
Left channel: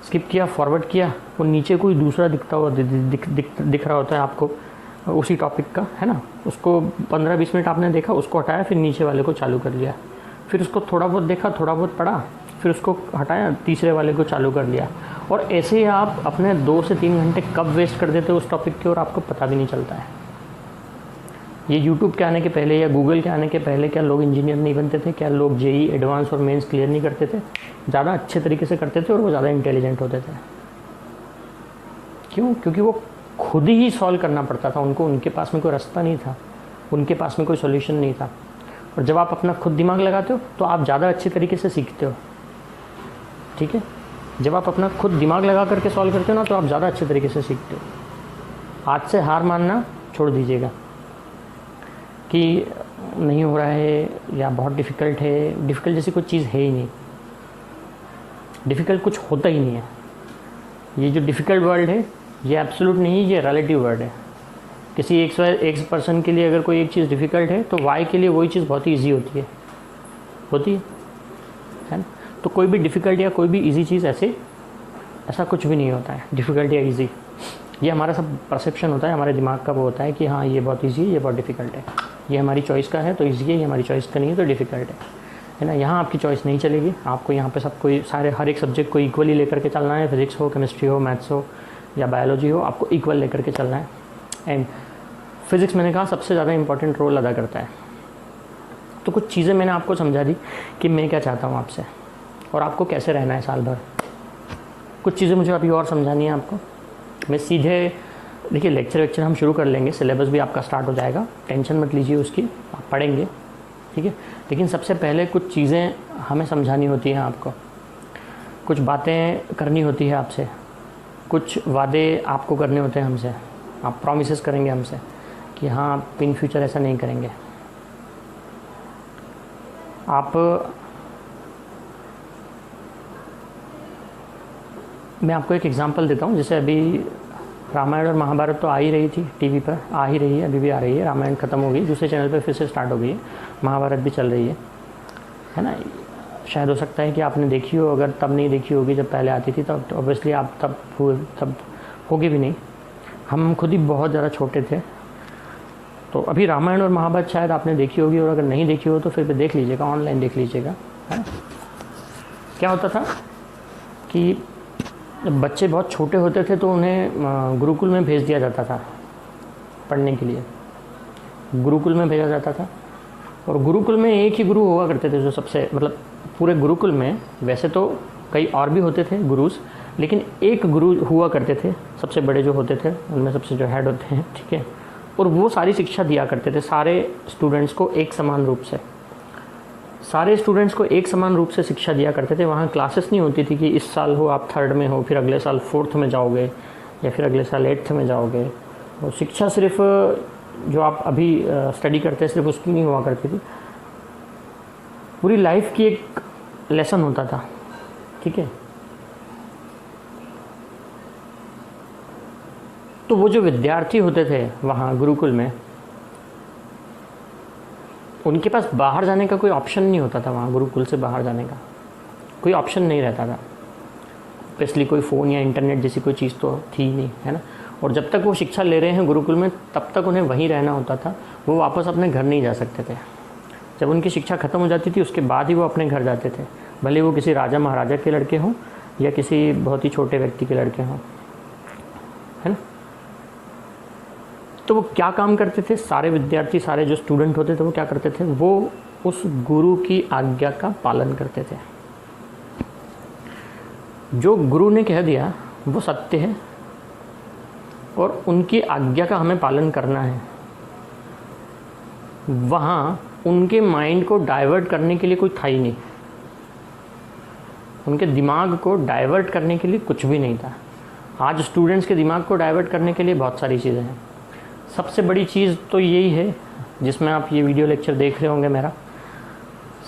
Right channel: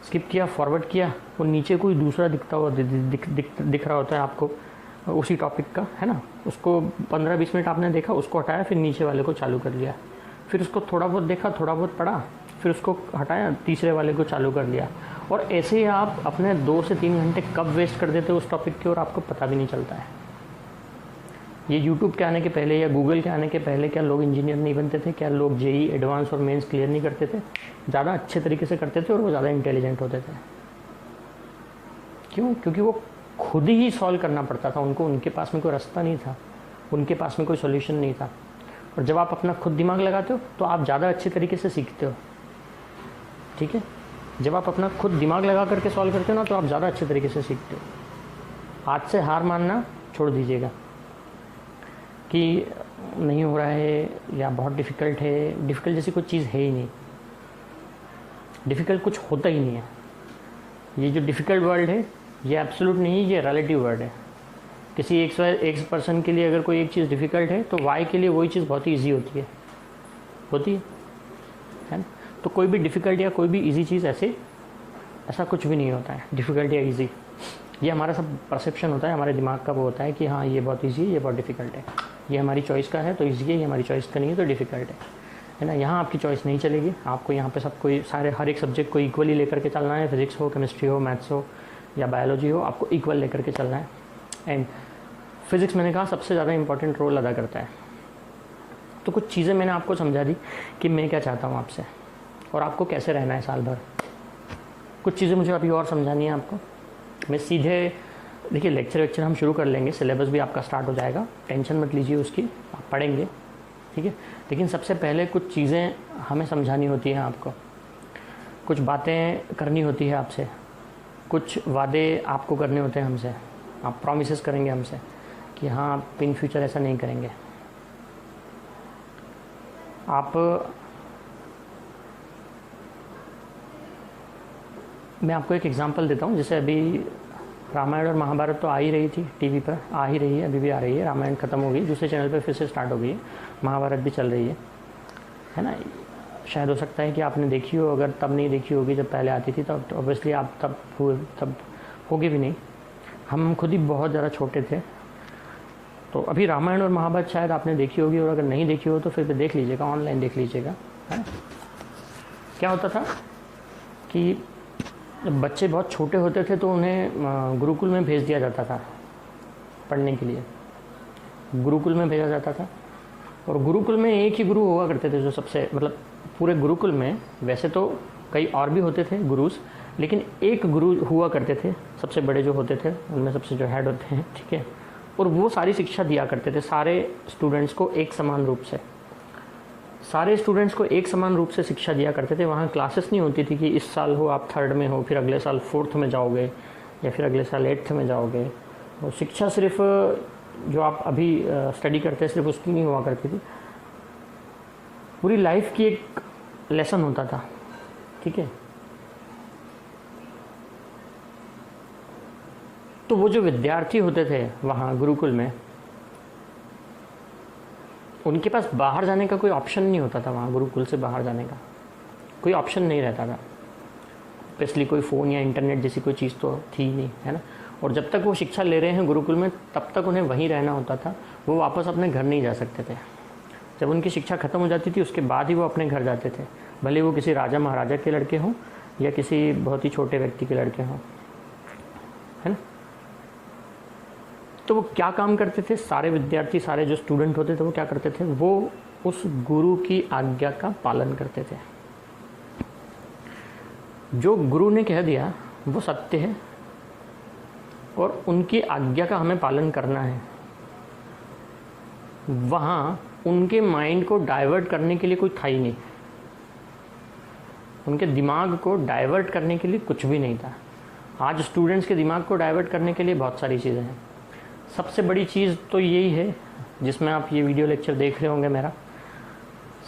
स्किप किया, फॉरवर्ड किया, वो नीचे कोई दूसरा दिखता हुआ दिख रहा होता है आपको उसी टॉपिक का, है ना। उसको 15-20 मिनट आपने देखा, उसको हटाया, फिर नीचे वाले को चालू कर लिया, फिर उसको थोड़ा बहुत देखा, थोड़ा बहुत पढ़ा, फिर उसको हटाया, तीसरे वाले को चालू कर लिया। और ऐसे ही आप अपने 2 से 3 घंटे कब वेस्ट कर देते हो उस टॉपिक के, और आपको पता भी नहीं चलता है। ये यूट्यूब के आने के पहले या गूगल के आने के पहले क्या लोग इंजीनियर नहीं बनते थे? क्या लोग जेई एडवांस और मेंस क्लियर नहीं करते थे? ज़्यादा अच्छे तरीके से करते थे और वो ज़्यादा इंटेलिजेंट होते थे। क्यों? क्योंकि वो खुद ही सॉल्व करना पड़ता था उनको, उनके पास में कोई रास्ता नहीं था, उनके पास में कोई सॉल्यूशन नहीं था। और जब आप अपना खुद दिमाग लगाते हो तो आप ज़्यादा अच्छे तरीके से सीखते हो, ठीक है। जब आप अपना खुद दिमाग लगा करके सॉल्व करते हो ना, तो आप ज़्यादा अच्छे तरीके से सीखते हो। आज से हार मानना छोड़ दीजिएगा कि नहीं हो रहा है या बहुत डिफ़िकल्ट है। डिफ़िकल्ट जैसी कोई चीज़ है ही नहीं, डिफ़िकल्ट कुछ होता ही नहीं है। ये जो डिफ़िकल्ट वर्ड है ये एब्सोल्यूट नहीं, ये रिलेटिव वर्ड है। किसी एक पर्सन के लिए अगर कोई एक चीज़ डिफ़िकल्ट है तो वाई के लिए वही चीज़ बहुत ही ईजी होती है ना। तो कोई भी डिफ़िकल्ट या कोई भी ईजी चीज़ ऐसा कुछ भी नहीं होता है, डिफ़िकल्ट या ईजी। ये हमारा सब परसेप्शन होता है, हमारे दिमाग का वो होता है कि हाँ ये बहुत ईजी है, ये बहुत डिफ़िकल्ट है, ये हमारी चॉइस का है तो ईजी है, ये हमारी चॉइस का नहीं है तो डिफ़िकल्ट है ना। यहाँ आपकी चॉइस नहीं चलेगी, आपको यहाँ पे सब कोई हर एक सब्जेक्ट को इक्वली लेकर के चलना है। फिजिक्स हो, केमिस्ट्री हो, मैथ्स हो या बायोलॉजी हो, आपको इक्वल लेकर के चलना है। एंड फिज़िक्स मैंने कहा सबसे ज़्यादा इंपॉर्टेंट रोल अदा करता है। तो कुछ चीज़ें मैंने आपको समझा दी कि मैं क्या चाहता हूँ आपसे और आपको कैसे रहना है साल भर। कुछ चीज़ें मुझे अभी और समझानी है आपको। मैं सीधे देखिए लेक्चर हम शुरू कर लेंगे, सिलेबस भी आपका स्टार्ट हो जाएगा, टेंशन मत लीजिए उसकी, आप पढ़ेंगे, ठीक है। लेकिन सबसे पहले कुछ चीज़ें हमें समझानी होती हैं आपको, कुछ बातें करनी होती है आपसे, कुछ वादे आपको करने होते हैं हमसे। आप प्रॉमिसेस करेंगे हमसे कि हाँ आप इन फ्यूचर ऐसा नहीं करेंगे। मैं आपको एक एग्जांपल देता हूँ। जैसे अभी रामायण और महाभारत तो आ ही रही थी, टीवी पर आ ही रही है, अभी भी आ रही है। रामायण ख़त्म हो गई, दूसरे चैनल पर फिर से स्टार्ट हो गई है, महाभारत भी चल रही है ना। शायद हो सकता है कि आपने देखी हो, अगर तब नहीं देखी होगी जब पहले आती थी तब तो ऑब्वियसली आप तब होगी भी नहीं। हम खुद ही बहुत ज़्यादा छोटे थे। तो अभी रामायण और महाभारत शायद आपने देखी होगी, और अगर नहीं देखी हो तो फिर भी देख लीजिएगा, ऑनलाइन देख लीजिएगा, है। क्या होता था कि जब बच्चे बहुत छोटे होते थे तो उन्हें गुरुकुल में भेज दिया जाता था पढ़ने के लिए। गुरुकुल में भेजा जाता था, और गुरुकुल में एक ही गुरु हुआ करते थे जो सबसे, मतलब पूरे गुरुकुल में वैसे तो कई और भी होते थे गुरुज, लेकिन एक गुरु हुआ करते थे, सबसे बड़े जो होते थे उनमें सबसे जो हेड होते हैं, ठीक है, और वो सारी शिक्षा दिया करते थे सारे स्टूडेंट्स को एक समान रूप से, सारे स्टूडेंट्स को एक समान रूप से शिक्षा दिया करते थे। वहाँ क्लासेस नहीं होती थी कि इस साल हो आप 3rd में हो, फिर अगले साल 4th में जाओगे या फिर अगले साल 8th में जाओगे। वो शिक्षा सिर्फ जो आप अभी स्टडी करते हैं सिर्फ उसकी नहीं हुआ करती थी, पूरी लाइफ की एक लेसन होता था, ठीक है। तो वो जो विद्यार्थी होते थे वहाँ गुरुकुल में, उनके पास बाहर जाने का कोई ऑप्शन नहीं होता था। वहाँ गुरुकुल से बाहर जाने का कोई ऑप्शन नहीं रहता था, स्पेशली कोई फ़ोन या इंटरनेट जैसी कोई चीज़ तो थी ही नहीं, है ना। और जब तक वो शिक्षा ले रहे हैं गुरुकुल में तब तक उन्हें वहीं रहना होता था, वो वापस अपने घर नहीं जा सकते थे। जब उनकी शिक्षा ख़त्म हो जाती थी उसके बाद ही वो अपने घर जाते थे, भले वो किसी राजा महाराजा के लड़के हों या किसी बहुत ही छोटे व्यक्ति के लड़के हों, है ना। तो वो क्या काम करते थे, सारे विद्यार्थी, सारे जो स्टूडेंट होते थे वो क्या करते थे, वो उस गुरु की आज्ञा का पालन करते थे। जो गुरु ने कह दिया वो सत्य है और उनकी आज्ञा का हमें पालन करना है। वहाँ उनके माइंड को डाइवर्ट करने के लिए कोई था ही नहीं, उनके दिमाग को डाइवर्ट करने के लिए कुछ भी नहीं था। आज स्टूडेंट्स के दिमाग को डाइवर्ट करने के लिए बहुत सारी चीज़ें हैं। सबसे बड़ी चीज़ तो यही है जिसमें आप ये वीडियो लेक्चर देख रहे होंगे मेरा,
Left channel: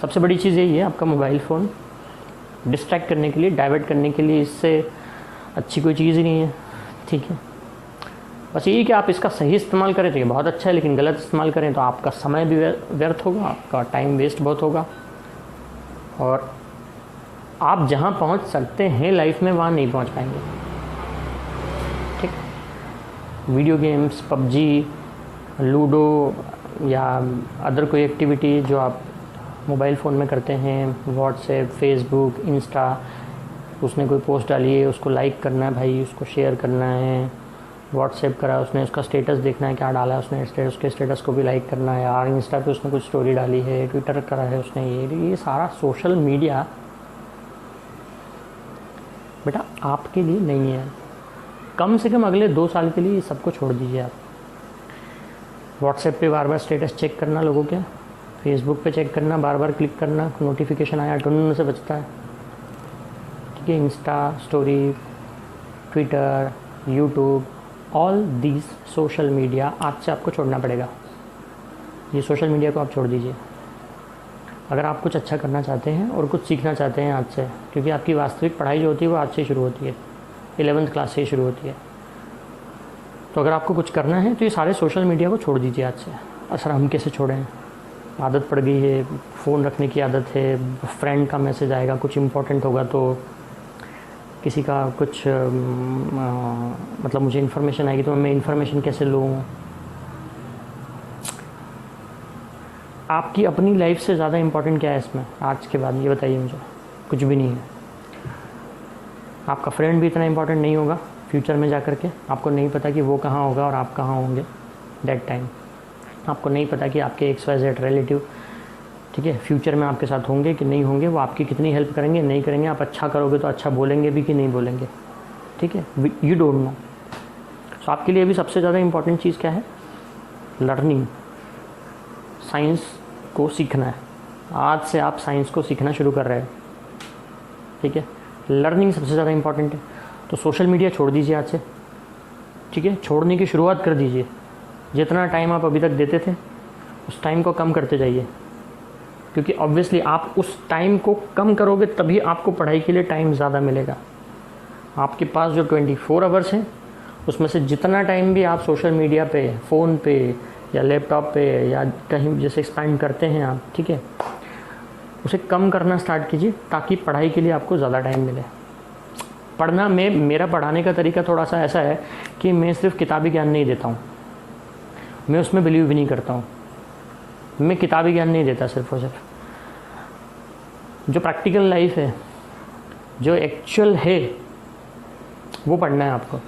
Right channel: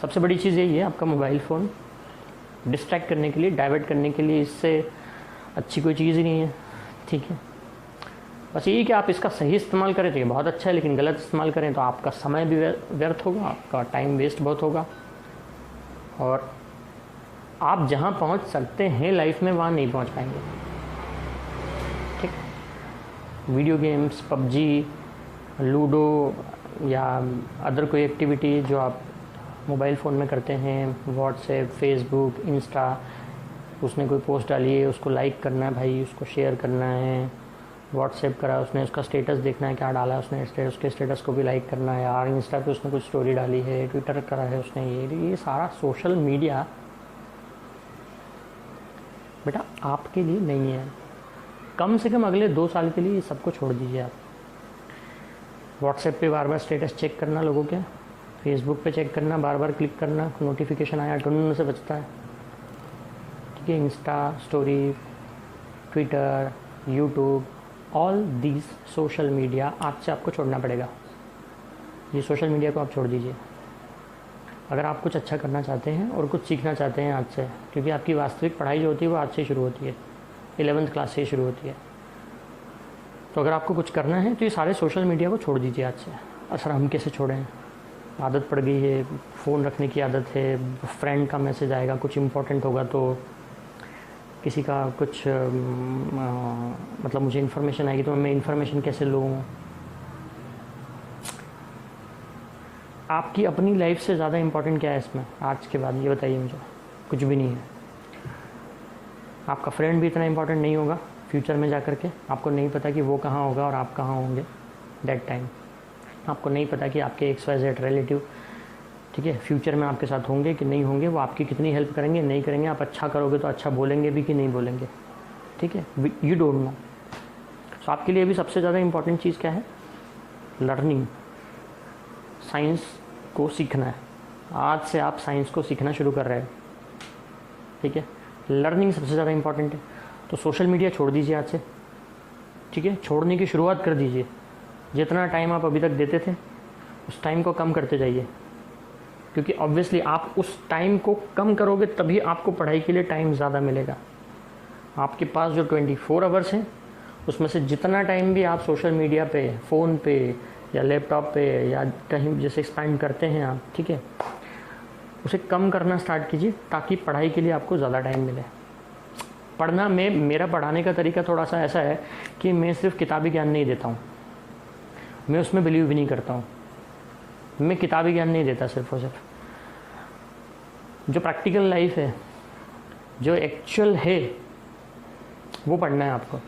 सबसे बड़ी चीज़ यही है, आपका मोबाइल फ़ोन डिस्ट्रैक्ट करने के लिए, डाइवर्ट करने के लिए, इससे अच्छी कोई चीज़ ही नहीं है, ठीक है। बस यही कि आप इसका सही इस्तेमाल करें तो ये बहुत अच्छा है, लेकिन गलत इस्तेमाल करें तो आपका समय भी व्यर्थ होगा, आपका टाइम वेस्ट बहुत होगा, और आप जहाँ पहुँच सकते हैं लाइफ में वहाँ नहीं पहुँच पाएंगे, ठीक। वीडियो गेम्स, पबजी, लूडो या अदर कोई एक्टिविटी जो आप मोबाइल फ़ोन में करते हैं, व्हाट्सएप, फेसबुक, इंस्टा, उसने कोई पोस्ट डाली है उसको लाइक करना है भाई, उसको शेयर करना है, व्हाट्सएप करा उसने उसका स्टेटस देखना है क्या डाला है उसने, उसके स्टेटस को भी लाइक करना है यार, इंस्टा पे उसने कुछ स्टोरी डाली है, ट्विटर करा है उसने, ये सारा सोशल मीडिया बेटा आपके लिए नहीं है। कम से कम अगले 2 साल के लिए सबको छोड़ दीजिए आप। व्हाट्सएप पे बार बार स्टेटस चेक करना लोगों के, फेसबुक पे चेक करना, बार बार क्लिक करना, नोटिफिकेशन आया टुन से बचता है, ठीक है। Insta story, Twitter, YouTube, all these social media आज से आपको छोड़ना पड़ेगा। ये सोशल मीडिया को आप छोड़ दीजिए अगर आप कुछ अच्छा करना चाहते हैं और कुछ सीखना चाहते हैं आज से, क्योंकि आपकी वास्तविक पढ़ाई जो होती है वो आज से शुरू होती है, 11th क्लास से ही शुरू होती है। तो अगर आपको कुछ करना है तो ये सारे सोशल मीडिया को छोड़ दीजिए आज से। असर हम कैसे छोड़ें, आदत पड़ गई है, फ़ोन रखने की आदत है, फ्रेंड का मैसेज आएगा, कुछ इम्पोर्टेंट होगा तो किसी का कुछ मतलब मुझे इन्फॉर्मेशन आएगी तो मैं इन्फॉर्मेशन कैसे लूँ। आपकी अपनी लाइफ से ज़्यादा इम्पोर्टेंट क्या है इसमें आज के बाद, ये बताइए मुझे। कुछ भी नहीं है। आपका फ्रेंड भी इतना इम्पोर्टेंट नहीं होगा फ्यूचर में जा कर के, आपको नहीं पता कि वो कहाँ होगा और आप कहाँ होंगे दैट टाइम। आपको नहीं पता कि आपके XYZ रिलेटिव, ठीक है, फ्यूचर में आपके साथ होंगे कि नहीं होंगे, वो आपकी कितनी हेल्प करेंगे नहीं करेंगे, आप अच्छा करोगे तो अच्छा बोलेंगे भी कि नहीं बोलेंगे, ठीक है, यू डोंट नो। सो आपके लिए भी सबसे ज़्यादा इम्पॉर्टेंट चीज़ क्या है, लर्निंग, साइंस को सीखना है। आज से आप साइंस को सीखना शुरू कर रहे हैं, ठीक है, लर्निंग सबसे ज़्यादा इम्पॉर्टेंट है। तो सोशल मीडिया छोड़ दीजिए आज से, ठीक है, छोड़ने की शुरुआत कर दीजिए। जितना टाइम आप अभी तक देते थे उस टाइम को कम करते जाइए, क्योंकि ऑब्वियसली आप उस टाइम को कम करोगे तभी आपको पढ़ाई के लिए टाइम ज़्यादा मिलेगा। आपके पास जो 24 आवर्स हैं उसमें से जितना टाइम भी आप सोशल मीडिया पे, फ़ोन पे या लैपटॉप पे या कहीं जैसे स्पेंड करते हैं आप, ठीक है, उसे कम करना स्टार्ट कीजिए ताकि पढ़ाई के लिए आपको ज़्यादा टाइम मिले। पढ़ना में मेरा पढ़ाने का तरीका थोड़ा सा ऐसा है कि मैं सिर्फ किताबी ज्ञान नहीं देता हूँ, मैं उसमें बिलीव भी नहीं करता हूँ। मैं किताबी ज्ञान नहीं देता सिर्फ और सिर्फ, जो प्रैक्टिकल लाइफ है, जो एक्चुअल है वो पढ़ना है आपको,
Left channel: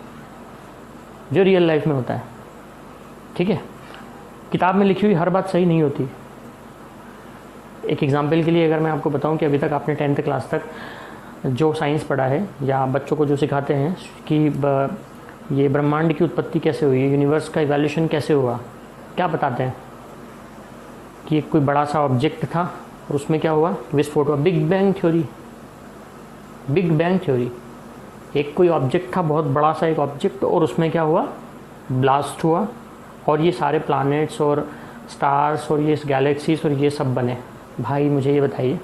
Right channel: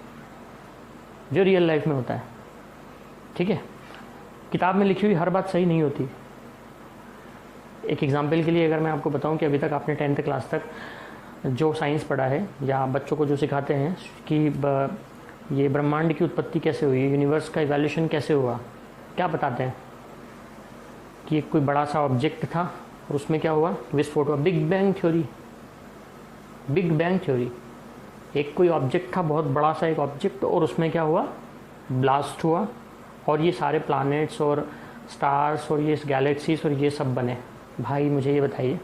जो रियल लाइफ में होता है, ठीक है। किताब में लिखी हुई हर बात सही नहीं होती। एक एग्जाम्पल के लिए अगर मैं आपको बताऊं कि अभी तक आपने 10th क्लास तक जो साइंस पढ़ा है या बच्चों को जो सिखाते हैं कि ये ब्रह्मांड की उत्पत्ति कैसे हुई, यूनिवर्स का इवोल्यूशन कैसे हुआ, क्या बताते हैं कि एक कोई बड़ा सा ऑब्जेक्ट था और उसमें क्या हुआ, विस्फोट हुआ। Big bang theory, big bang theory. एक कोई ऑब्जेक्ट था, बहुत बड़ा सा एक ऑब्जेक्ट, और उसमें क्या हुआ, ब्लास्ट हुआ, और ये सारे प्लैनेट्स और स्टार्स और ये गैलेक्सीज और ये सब बने। भाई मुझे ये बताइए,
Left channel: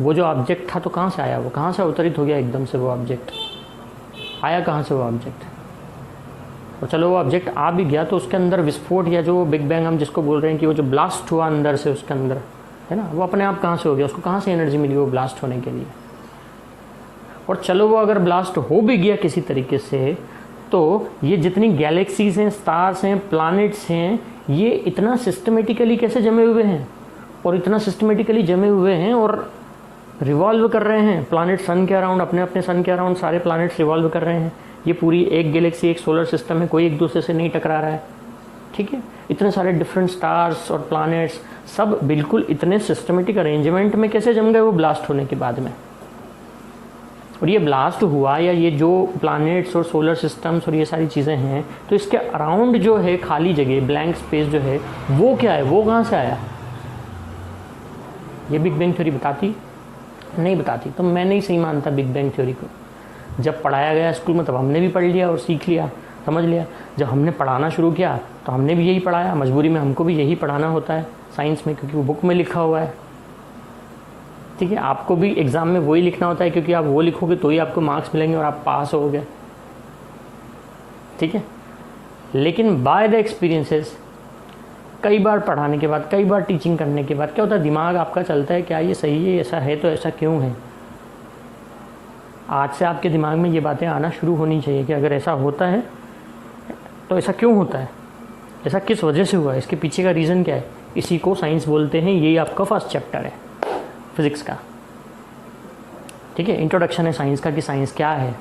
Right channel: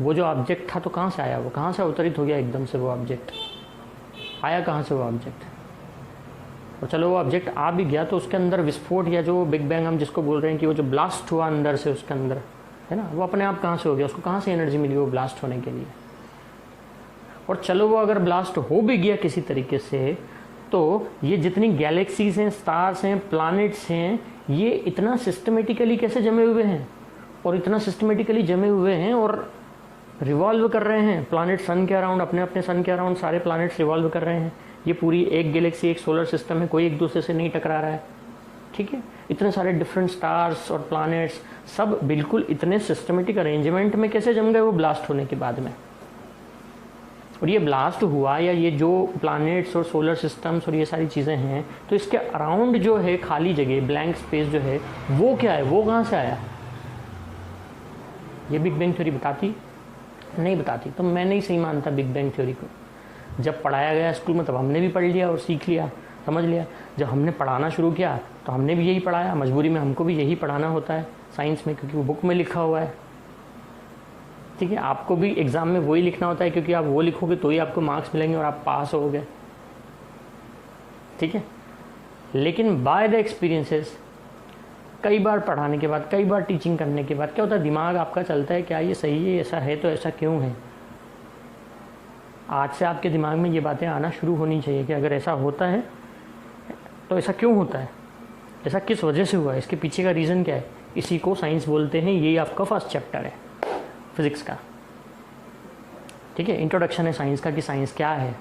वो जो ऑब्जेक्ट था तो कहाँ से आया, वो कहाँ से अवतरित हो गया एकदम से, वो ऑब्जेक्ट आया कहाँ से वो ऑब्जेक्ट? और चलो वो ऑब्जेक्ट आ भी गया तो उसके अंदर विस्फोट या जो बिग बैंग हम जिसको बोल रहे हैं कि वो जो ब्लास्ट हुआ अंदर से उसके अंदर, है ना, वो अपने आप कहाँ से हो गया, उसको कहाँ से एनर्जी मिली वो ब्लास्ट होने के लिए? और चलो वो अगर ब्लास्ट हो भी गया किसी तरीके से, तो ये जितनी गैलेक्सीज हैं, स्टार्स हैं, प्लैनेट्स हैं, ये इतना सिस्टमेटिकली कैसे जमे हुए हैं, और इतना सिस्टमेटिकली जमे हुए हैं और रिवॉल्व कर रहे हैं प्लैनेट सन के अराउंड, अपने अपने सन के अराउंड सारे प्लैनेट्स रिवॉल्व कर रहे हैं। ये पूरी एक गैलेक्सी, एक सोलर सिस्टम है, कोई एक दूसरे से नहीं टकरा रहा है, ठीक है। इतने सारे डिफरेंट स्टार्स और प्लैनेट्स सब बिल्कुल इतने सिस्टमेटिक अरेंजमेंट में कैसे जम गए वो ब्लास्ट होने के बाद में? और ये ब्लास्ट हुआ या ये जो प्लैनेट्स और सोलर सिस्टम्स और ये सारी चीज़ें हैं, तो इसके अराउंड जो है खाली जगह, ब्लैंक स्पेस जो है, वो क्या है, वो कहाँ से आया? ये बिग बैंग थ्योरी बताती नहीं बताती? तो मैं नहीं सही मानता बिग बैंग थ्योरी को। जब पढ़ाया गया स्कूल में तब हमने भी पढ़ लिया और सीख लिया, समझ लिया। जब हमने पढ़ाना शुरू किया तो हमने भी यही पढ़ाया, मजबूरी में हमको भी यही पढ़ाना होता है साइंस में, क्योंकि वो बुक में लिखा हुआ है, ठीक है। आपको भी एग्ज़ाम में वही लिखना होता है, क्योंकि आप वो लिखोगे तो ही आपको मार्क्स मिलेंगे और आप पास होगे, ठीक है। लेकिन बाय द एक्सपीरियंसेस, कई बार पढ़ाने के बाद, कई बार टीचिंग करने के बाद क्या होता है, दिमाग आपका चलता है क्या ये सही है, ऐसा है तो ऐसा क्यों है। आज से आपके दिमाग में ये बातें आना शुरू होनी चाहिए कि अगर ऐसा होता है तो ऐसा क्यों होता है, ऐसा किस वजह से हुआ है, इसके पीछे का रीज़न क्या है। इसी को साइंस बोलते हैं। यही आपका फर्स्ट चैप्टर है फिज़िक्स का, ठीक है। इंट्रोडक्शन है साइंस का कि साइंस क्या है।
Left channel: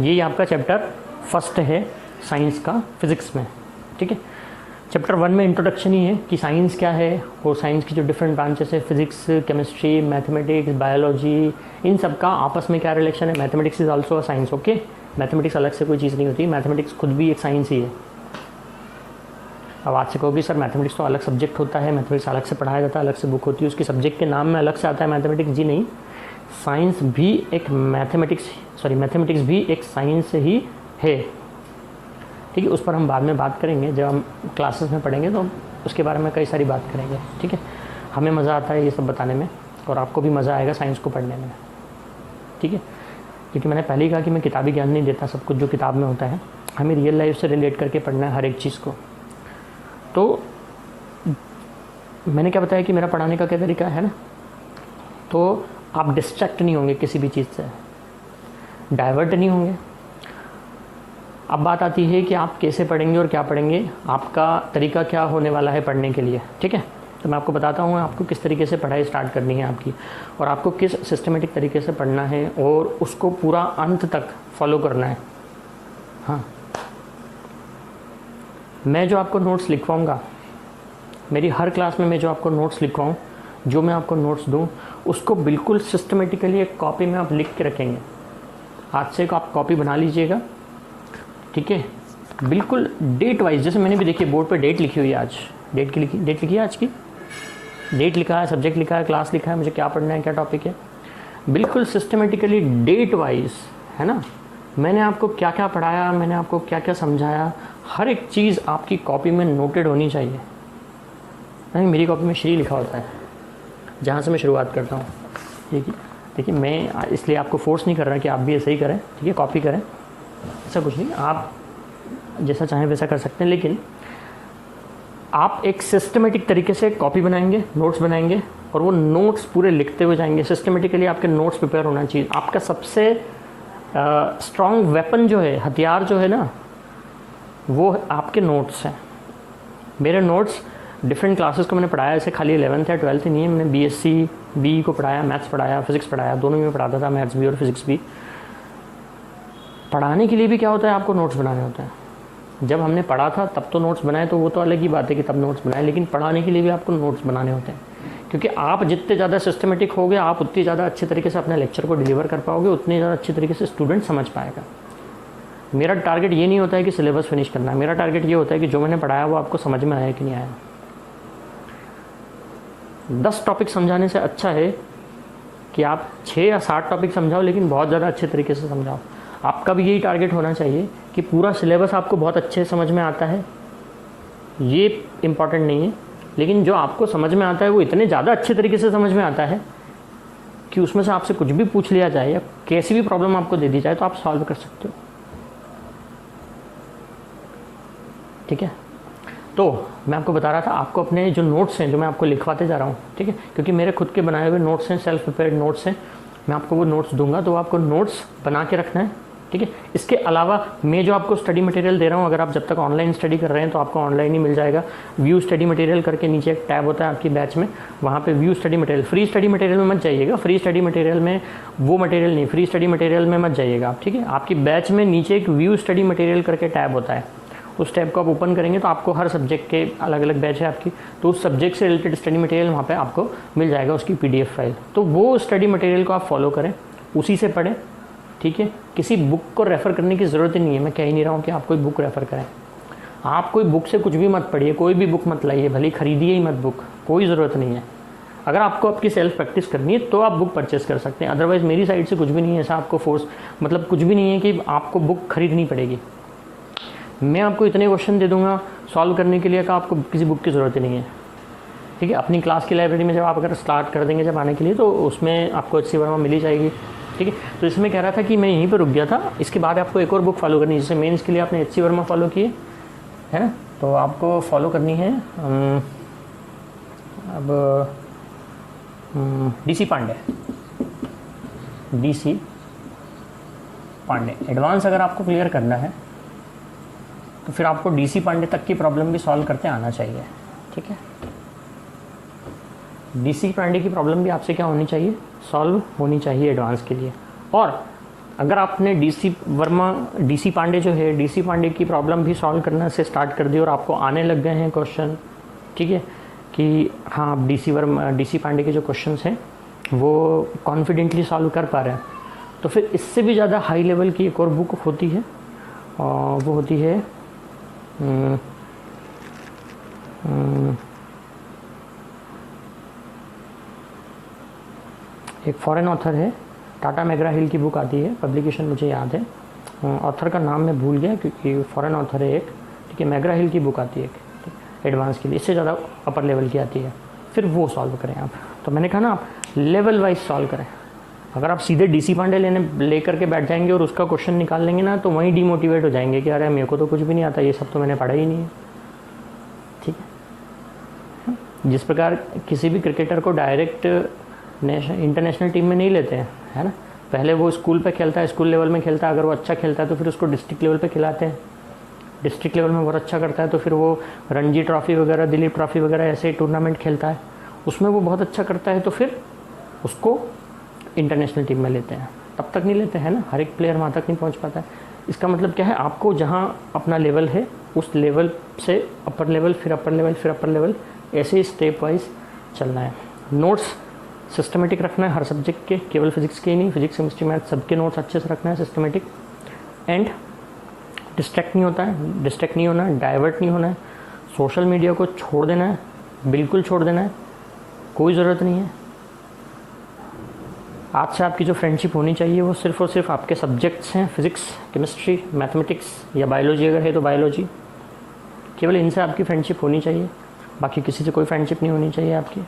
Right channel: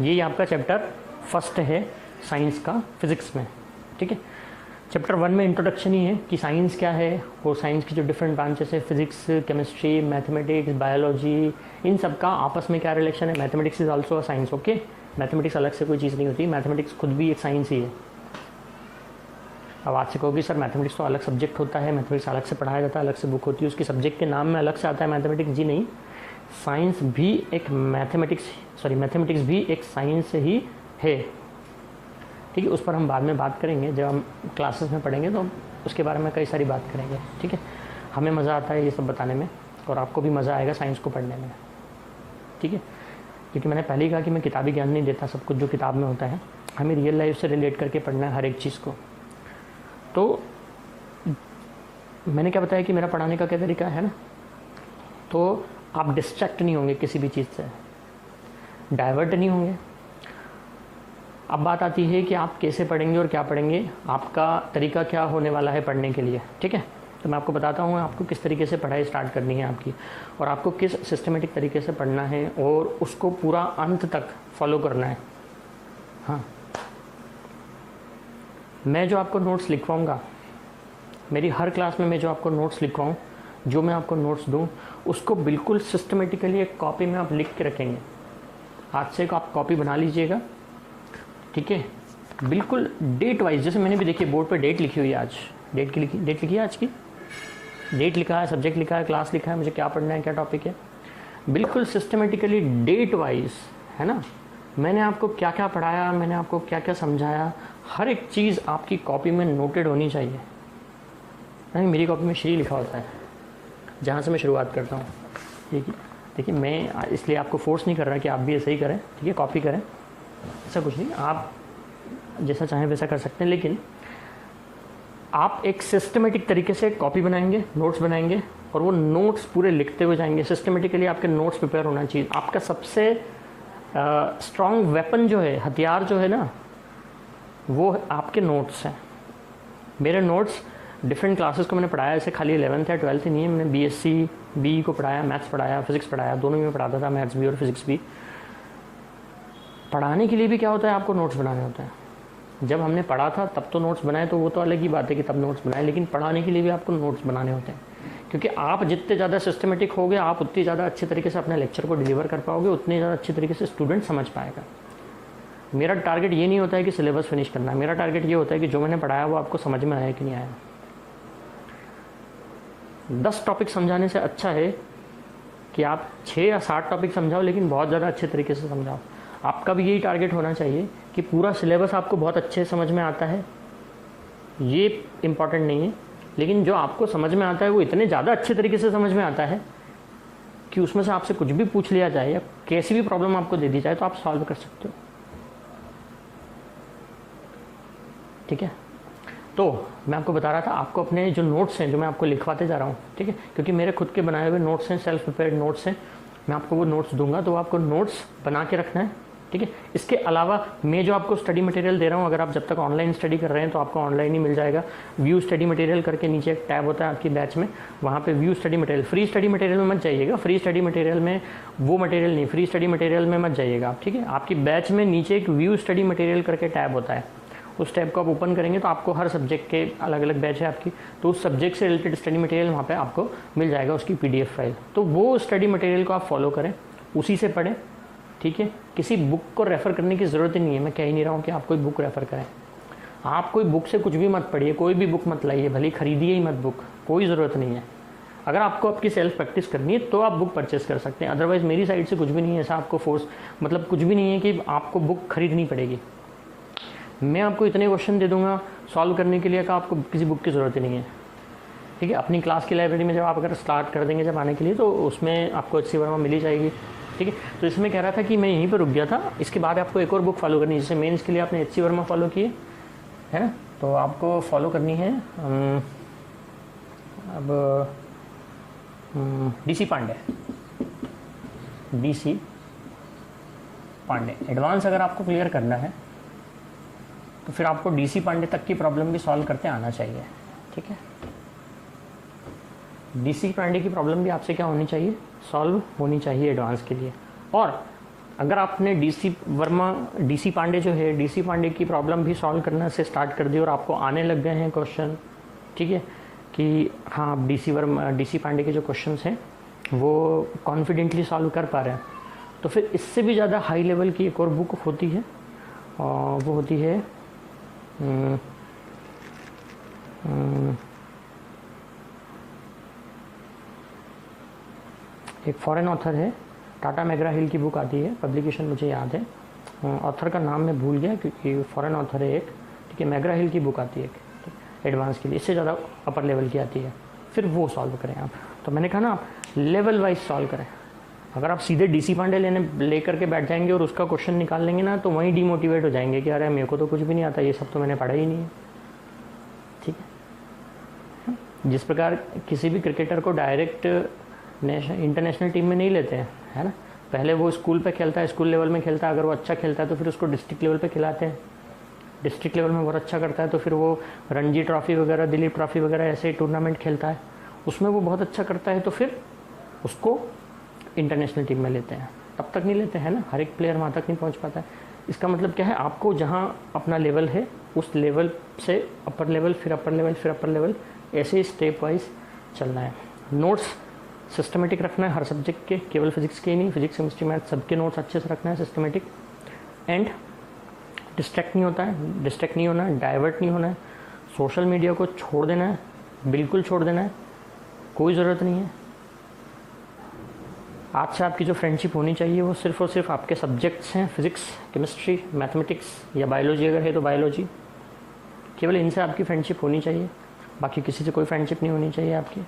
यही आपका चैप्टर फर्स्ट है साइंस का फिज़िक्स में, ठीक है। चैप्टर 1 में इंट्रोडक्शन ही है कि साइंस क्या है, और साइंस की जो डिफरेंट ब्रांचेस है, फिजिक्स, केमिस्ट्री, मैथमेटिक्स, बायोलॉजी, इन सब का आपस में क्या रिलेशन है। Mathematics is also a science, okay. Mathematics अलग से कोई चीज़ नहीं होती, मैथमेटिक्स खुद भी एक साइंस ही है। अब आज से कहोगे सर मैथमेटिक्स तो अलग सब्जेक्ट होता है, मैथमेटिक्स अलग से पढ़ाया जाता है, अलग से बुक होती है, उसकी सब्जेक्ट के नाम में अलग से आता है मैथमेटिक्स। जी नहीं, साइंस भी एक मैथमेटिक्स भी एक साइंस ही है, ठीक है। उस पर हम बाद में बात करेंगे, जब हम क्लासेस में पढ़ेंगे तो उसके बारे में कई सारी बात करेंगे, ठीक है। हमें मज़ा आता है ये सब बताने में, और आपको भी मज़ा आएगा साइंस को पढ़ने में, ठीक है। क्योंकि मैंने पहले ही कहा कि मैं किताबी ज्ञान नहीं देता, सब कुछ जो किताब में होता है हमें रियल लाइफ से रिलेट करके पढ़ना है हर एक चीज़ को। तो मैंने क्या बताया कि मेरा पढ़ाने का क्या तरीका है ना, तो आप डिस्ट्रैक्ट नहीं होंगे किसी भी चीज़ से, डाइवर्ट नहीं होंगे। अब बात आती है कि आप कैसे पढ़ेंगे और क्या पढ़ेंगे, आपका तरीका क्या होने वाला है पढ़ने के लिए, ठीक है। तो मैं आपको बताता हूँ आपको किस तरीके से पढ़ाई स्टार्ट करनी है आपकी, और आपको किस सिस्टमेटिक तरीके से पढ़ना है और उसको पूरा अंत तक फॉलो करना है। हाँ, मैं जो आपको नोट्स लिखवाऊँगा, मेरी हर क्लास में मैं जो आपको नोट्स लिखवाऊँ, जो मैं आपको नोट्स दूँ, उसको बिल्कुल सिस्टमेटिकली एक कॉपी में आप लिख के रखेंगे। आज से आप कॉपी बना लीजिएगा, ठीक है, बिल्कुल डेट वाइज। जैसे मैंने भी देखिए बोर्ड पे डेट लिखी हुई है, आज डेट लिखी है, आज की डेट लिखा है, सब्जेक्ट लिखा है, क्लास लिखा है, मुझे क्या पढ़ना है, क्या टॉपिक है, बिल्कुल सिस्टमेटिकली डेट वाइज, है ना। मैंने आपको क्या क्या पढ़ाया, मैंने आपको क्या क्या समझाया, हर एक चीज़ आपकी कॉपी में नोटेड होनी चाहिए। नहीं, मेरी कॉपी में श्री लिखा होता है, जहाँ से मैं शुरुआत करता हूँ, देखिए मैं इसलिए आपको फोर्स नहीं कर रहा कि आप भी ऐसे ही करें, ठीक है, कॉपी करें, ऐसा कुछ नहीं, आप जैसा चाहें वैसा कर सकते हैं। लेकिन आप एक सिस्टमेटिक तरीके से कॉपी बनाएंगे, नोट्स बनाएंगे, और वो नोट्स पूरे लिखते हुए जाएंगे। सिस्टमेटिकली आपके नोट्स प्रिपेयर होना चाहिए। आपका सबसे स्ट्रॉन्ग वेपन जो है, हथियार जो है ना, वो आपके नोट्स हैं। मेरे नोट्स डिफरेंट क्लासेस को मैंने पढ़ाया, ऐसे खाली 11th या 12th नहीं है, मैंने BSc BE को पढ़ाया, मैथ्स पढ़ाया, फिजिक्स पढ़ाया, दोनों में पढ़ाता था, मैथ्स भी और फिजिक्स भी। पढ़ाने के लिए भी क्या होता है, आपको नोट्स बनाने होते हैं। जब हमने पढ़ा था तब तो नोट्स बनाए, तो वो तो अलग ही बात है कि तब नोट्स बनाए, लेकिन पढ़ाने के लिए भी आपको नोट्स बनाने होते हैं। क्योंकि आप जितने ज़्यादा सिस्टमेटिक होगे आप उतनी ज़्यादा अच्छे तरीके से अपने लेक्चर को डिलीवर कर पाओगे, उतनी ज़्यादा अच्छे तरीके से स्टूडेंट समझ पाएगा। मेरा टारगेट ये नहीं होता है कि सिलेबस फिनिश करना, मेरा टारगेट ये होता है कि जो मैंने पढ़ाया वो आपको समझ में आया कि नहीं आया। 10 टॉपिक समझाने से अच्छा है कि आप 6 या 7 टॉपिक समझाओ, लेकिन बहुत ज़्यादा अच्छे तरीके से समझाओ। आपका भी यही टारगेट होना चाहिए कि पूरा सिलेबस आपको बहुत अच्छे समझ में आता है, ये इम्पॉर्टेंट नहीं है, लेकिन जो आपको समझ में आता है वो इतने ज़्यादा अच्छे तरीके से समझ में आता है कि उसमें से आपसे कुछ भी पूछ लिया जाए या कैसी भी प्रॉब्लम आपको दे दी जाए तो आप सॉल्व कर सकते हो। ठीक है, तो मैं आपको बता रहा था, आपको अपने जो नोट्स हैं जो मैं आपको लिखवाते जा रहा हूँ, ठीक है, क्योंकि मेरे खुद के बनाए हुए नोट्स हैं, सेल्फ प्रिपेयर्ड नोट्स हैं, मैं आपको वो नोट्स दूंगा, तो आपको नोट्स बना के रखना है। ठीक है, इसके अलावा मैं जो आपको स्टडी मटेरियल दे रहा हूँ, अगर आप जब तक ऑनलाइन स्टडी कर रहे हैं तो आपको ऑनलाइन ही मिल जाएगा। व्यू स्टडी मटेरियल करके नीचे एक टैब होता है आपकी बैच में, वहाँ पे view study material, free study material में मत जाइएगा, फ्री स्टडी मटेरियल में वो मटेरियल नहीं, फ्री स्टडी मटेरियल में मत जाइएगा आप। ठीक है, आपकी बैच में नीचे एक व्यू स्टडी मटेरियल करके टैब होता है, उस टैब को आप ओपन करेंगे तो आपको हर सब्जेक्ट के अलग अलग बैच है आपकी, तो उस सब्जेक्ट से रिलेटेड स्टडी मटेरियल वहाँ पे आपको मिल जाएगा, उसकी PDF फाइल। तो वो स्टडी मटेरियल को आप फॉलो करें, उसी से पढ़ें। ठीक है, किसी बुक को रेफ़र करने की ज़रूरत ही नहीं है, मैं कह ही नहीं रहा हूँ कि आप कोई बुक रेफ़र करें। आप कोई बुक से कुछ भी मत पढ़िए, कोई भी बुक मत लाइए, भले खरीदिए ही मत बुक, कोई ज़रूरत नहीं है। अगर आपको आपकी सेल्फ प्रैक्टिस करनी है तो आप बुक परचेस कर सकते हैं, अदरवाइज़ मेरी साइड से कुछ भी नहीं है ऐसा आपको फोर्स, मतलब कुछ भी नहीं है कि आपको बुक खरीदनी पड़ेगी। मैं आपको इतने क्वेश्चन दे दूंगा सॉल्व करने के लिए कि आपको किसी बुक की ज़रूरत ही नहीं है। ठीक है, अपनी क्लास की लाइब्रेरी में जब आप अगर स्टार्ट कर देंगे जब आने के लिए, तो उसमें आपको HC वर्मा मिल ही जाएगी। ठीक है, तो इसमें कह रहा था कि मैं यहीं पर रुक गया था, इसके बाद आपको एक और बुक फॉलो करनी है। जैसे मेंस के लिए आपने HC वर्मा फॉलो किए है ना, तो आपको फॉलो करनी है अब DC Pande, DC Pande advance अगर आपको क्लियर करना है तो फिर आपको DC पांडे तक की प्रॉब्लम भी सॉल्व करते आना चाहिए। ठीक है, DC पांडे की प्रॉब्लम भी आपसे क्या होनी चाहिए, सॉल्व होनी चाहिए एडवांस के लिए। और अगर आपने DC पांडे जो है, DC पांडे की प्रॉब्लम भी सॉल्व करना से स्टार्ट कर दी और आपको आने लग गए हैं क्वेश्चन, ठीक है, कि हाँ आप DC पांडे के जो क्वेश्चन हैं वो कॉन्फिडेंटली सॉल्व कर पा रहे हैं, तो फिर इससे भी ज़्यादा हाई लेवल की एक और बुक होती है, और वो होती है एक फॉरेन ऑथर है, टाटा मैग्रा हिल की बुक आती है, पब्लिकेशन मुझे याद है, ऑथर का नाम मैं भूल गया क्योंकि फॉरेन ऑथर है एक। ठीक है, मैग्रा हिल की बुक आती है एडवांस के लिए, इससे ज़्यादा अपर लेवल की आती है, फिर वो सॉल्व करें आप। तो मैंने कहा ना आप लेवल वाइज सॉल्व करें। अगर आप सीधे DC पांडे लेकर के बैठ जाएंगे और उसका क्वेश्चन निकाल लेंगे ना, तो वहीं डिमोटिवेट हो जाएंगे कि अरे मेरे को तो कुछ भी नहीं आता, ये सब तो मैंने पढ़ा ही नहीं है। ठीक है, जिस प्रकार किसी भी क्रिकेटर को डायरेक्ट इंटरनेशनल टीम में नहीं लेते हैं, है ना, पहले वो स्कूल पे खेलता है, स्कूल लेवल में खेलता है, अगर वो अच्छा खेलता है तो फिर उसको डिस्ट्रिक्ट लेवल पे खिलाते हैं, डिस्ट्रिक्ट लेवल में बहुत अच्छा करता है तो फिर वो रणजी ट्रॉफी वगैरह, दिलीप ट्रॉफी वगैरह ऐसे टूर्नामेंट खेलता है, उसमें वो बहुत अच्छा करता है तो फिर उसको इंटरनेशनल टीम में लेते हैं। तब तक नहीं लेते हैं ना, हर एक प्लेयर वहाँ तक नहीं पहुँच पाता है। इसका मतलब क्या है, आपको जहाँ अपना लेवल है उस लेवल से अपर लेवल, फिर अपर लेवल, फिर अपर लेवल, ऐसे स्टेप वाइज चलना है। नोट्स सिस्टमेटिक रखना है हर सब्जेक्ट के, केवल फिजिक्स के ही नहीं, फिजिक्स केमिस्ट्री मैथ सबके नोट्स अच्छे से रखना है सिस्टमेटिक। एंड डिस्ट्रैक्ट नहीं होना है, डाइवर्ट नहीं होना है, सोशल मीडिया को छोड़ देना है, बिल्कुल छोड़ देना है, कोई ज़रूरत नहीं है। आज से आपकी जो फ्रेंडशिप होनी चाहिए वो सिर्फ और सिर्फ आपके सब्जेक्ट्स हैं, फिजिक्स, केमिस्ट्री, मैथमेटिक्स या बायोलॉजी अगर है तो बायोलॉजी, केवल इनसे आपकी फ्रेंडशिप होनी चाहिए, बाकी किसी से कोई फ्रेंडशिप नहीं होनी चाहिए आपकी।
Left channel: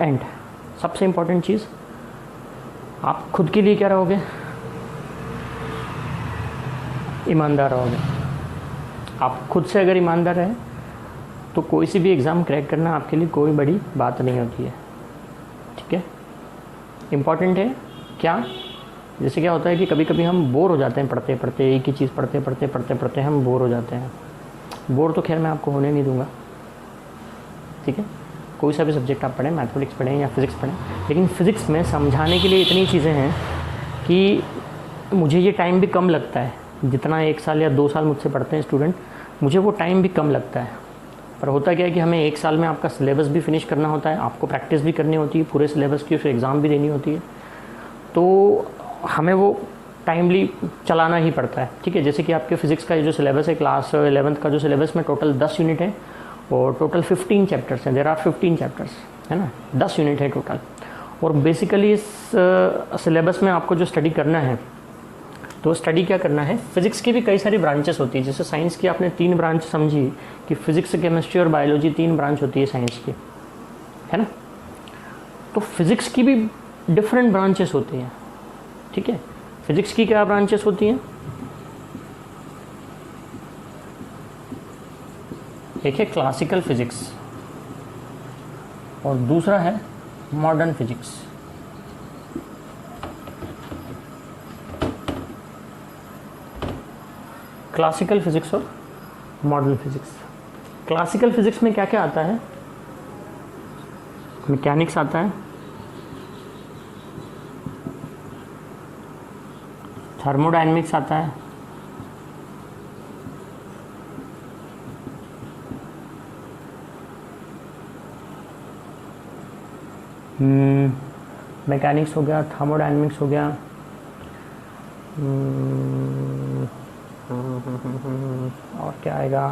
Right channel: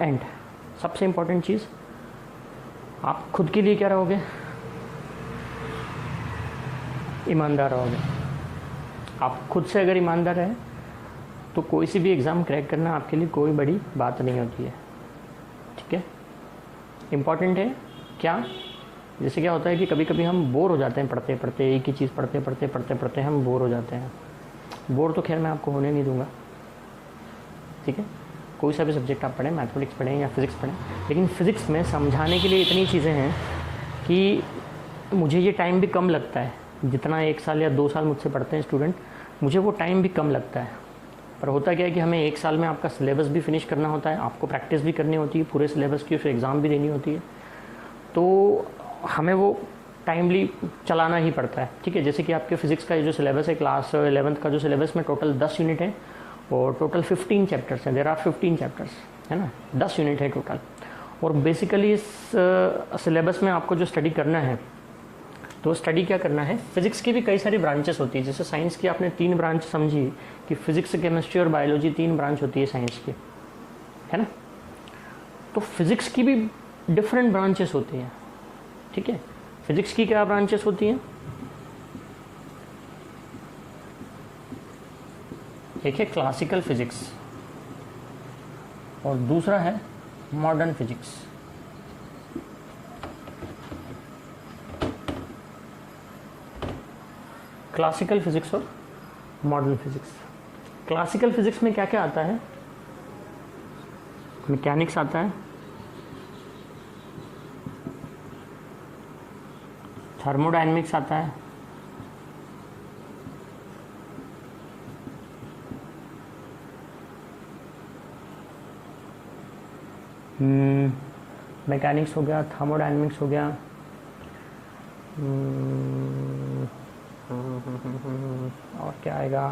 एंड सबसे इम्पॉर्टेंट चीज़, आप खुद के लिए क्या रहोगे, ईमानदार रहोगे। आप खुद से अगर ईमानदार रहें तो कोई सी भी एग्ज़ाम क्रैक करना आपके लिए कोई बड़ी बात नहीं होती है। ठीक है, इम्पॉर्टेंट है क्या, जैसे क्या होता है कि कभी कभी हम बोर हो जाते हैं पढ़ते पढ़ते, एक ही चीज़ पढ़ते हम बोर हो जाते हैं। बोर तो खैर मैं आपको होने नहीं दूंगा। ठीक है, कोई सा भी सब्जेक्ट आप पढ़ें, मैथमेटिक्स पढ़ें या फिज़िक्स पढ़ें, लेकिन फ़िज़िक्स में समझाने के लिए इतनी चीज़ें हैं कि मुझे ये टाइम भी कम लगता है, जितना 1 साल या 2 साल मुझसे पढ़ते हैं स्टूडेंट, मुझे वो टाइम भी कम लगता है। पर होता क्या है कि हमें एक साल में आपका सिलेबस भी फिनिश करना होता है, आपको प्रैक्टिस भी करनी होती है पूरे सिलेबस की, फिर एग्ज़ाम भी देनी होती है, तो हमें वो टाइमली चलाना ही पड़ता है। ठीक है, जैसे कि आपके फिज़िक्स का जो सिलेबस है क्लास 11th का जो सिलेबस में टोटल 10 यूनिट है और टोटल 15 चैप्टर्स हैं, देयर आर 15 चैप्टर्स, है ना, 10 यूनिट है टोटल। और बेसिकली इस सिलेबस में आपको जो स्टडी करना है, तो स्टडी क्या करना है, फिजिक्स की भी कई सारी ब्रांचेस होती है। जैसे साइंस की आपने 3 ब्रांच समझी कि फिजिक्स, केमिस्ट्री और बायोलॉजी 3 ब्रांच होती है साइंस की, है ना। तो फिजिक्स की भी डिफरेंट ब्रांचेस होती हैं। ठीक है, फिजिक्स की क्या ब्रांचेस होती हैं, एक है क्लासिकल फिजिक्स और दूसरा है मॉडर्न फिजिक्स। क्लासिकल फिजिक्स और मॉडर्न फिजिक्स। क्लासिकल फिजिक्स में क्या क्या आता है, मैकेनिक्स आता है, थर्मोडायनेमिक्स आता है, मैकेनिक्स हो गया, थर्मोडायनेमिक्स हो गया, और क्या आएगा,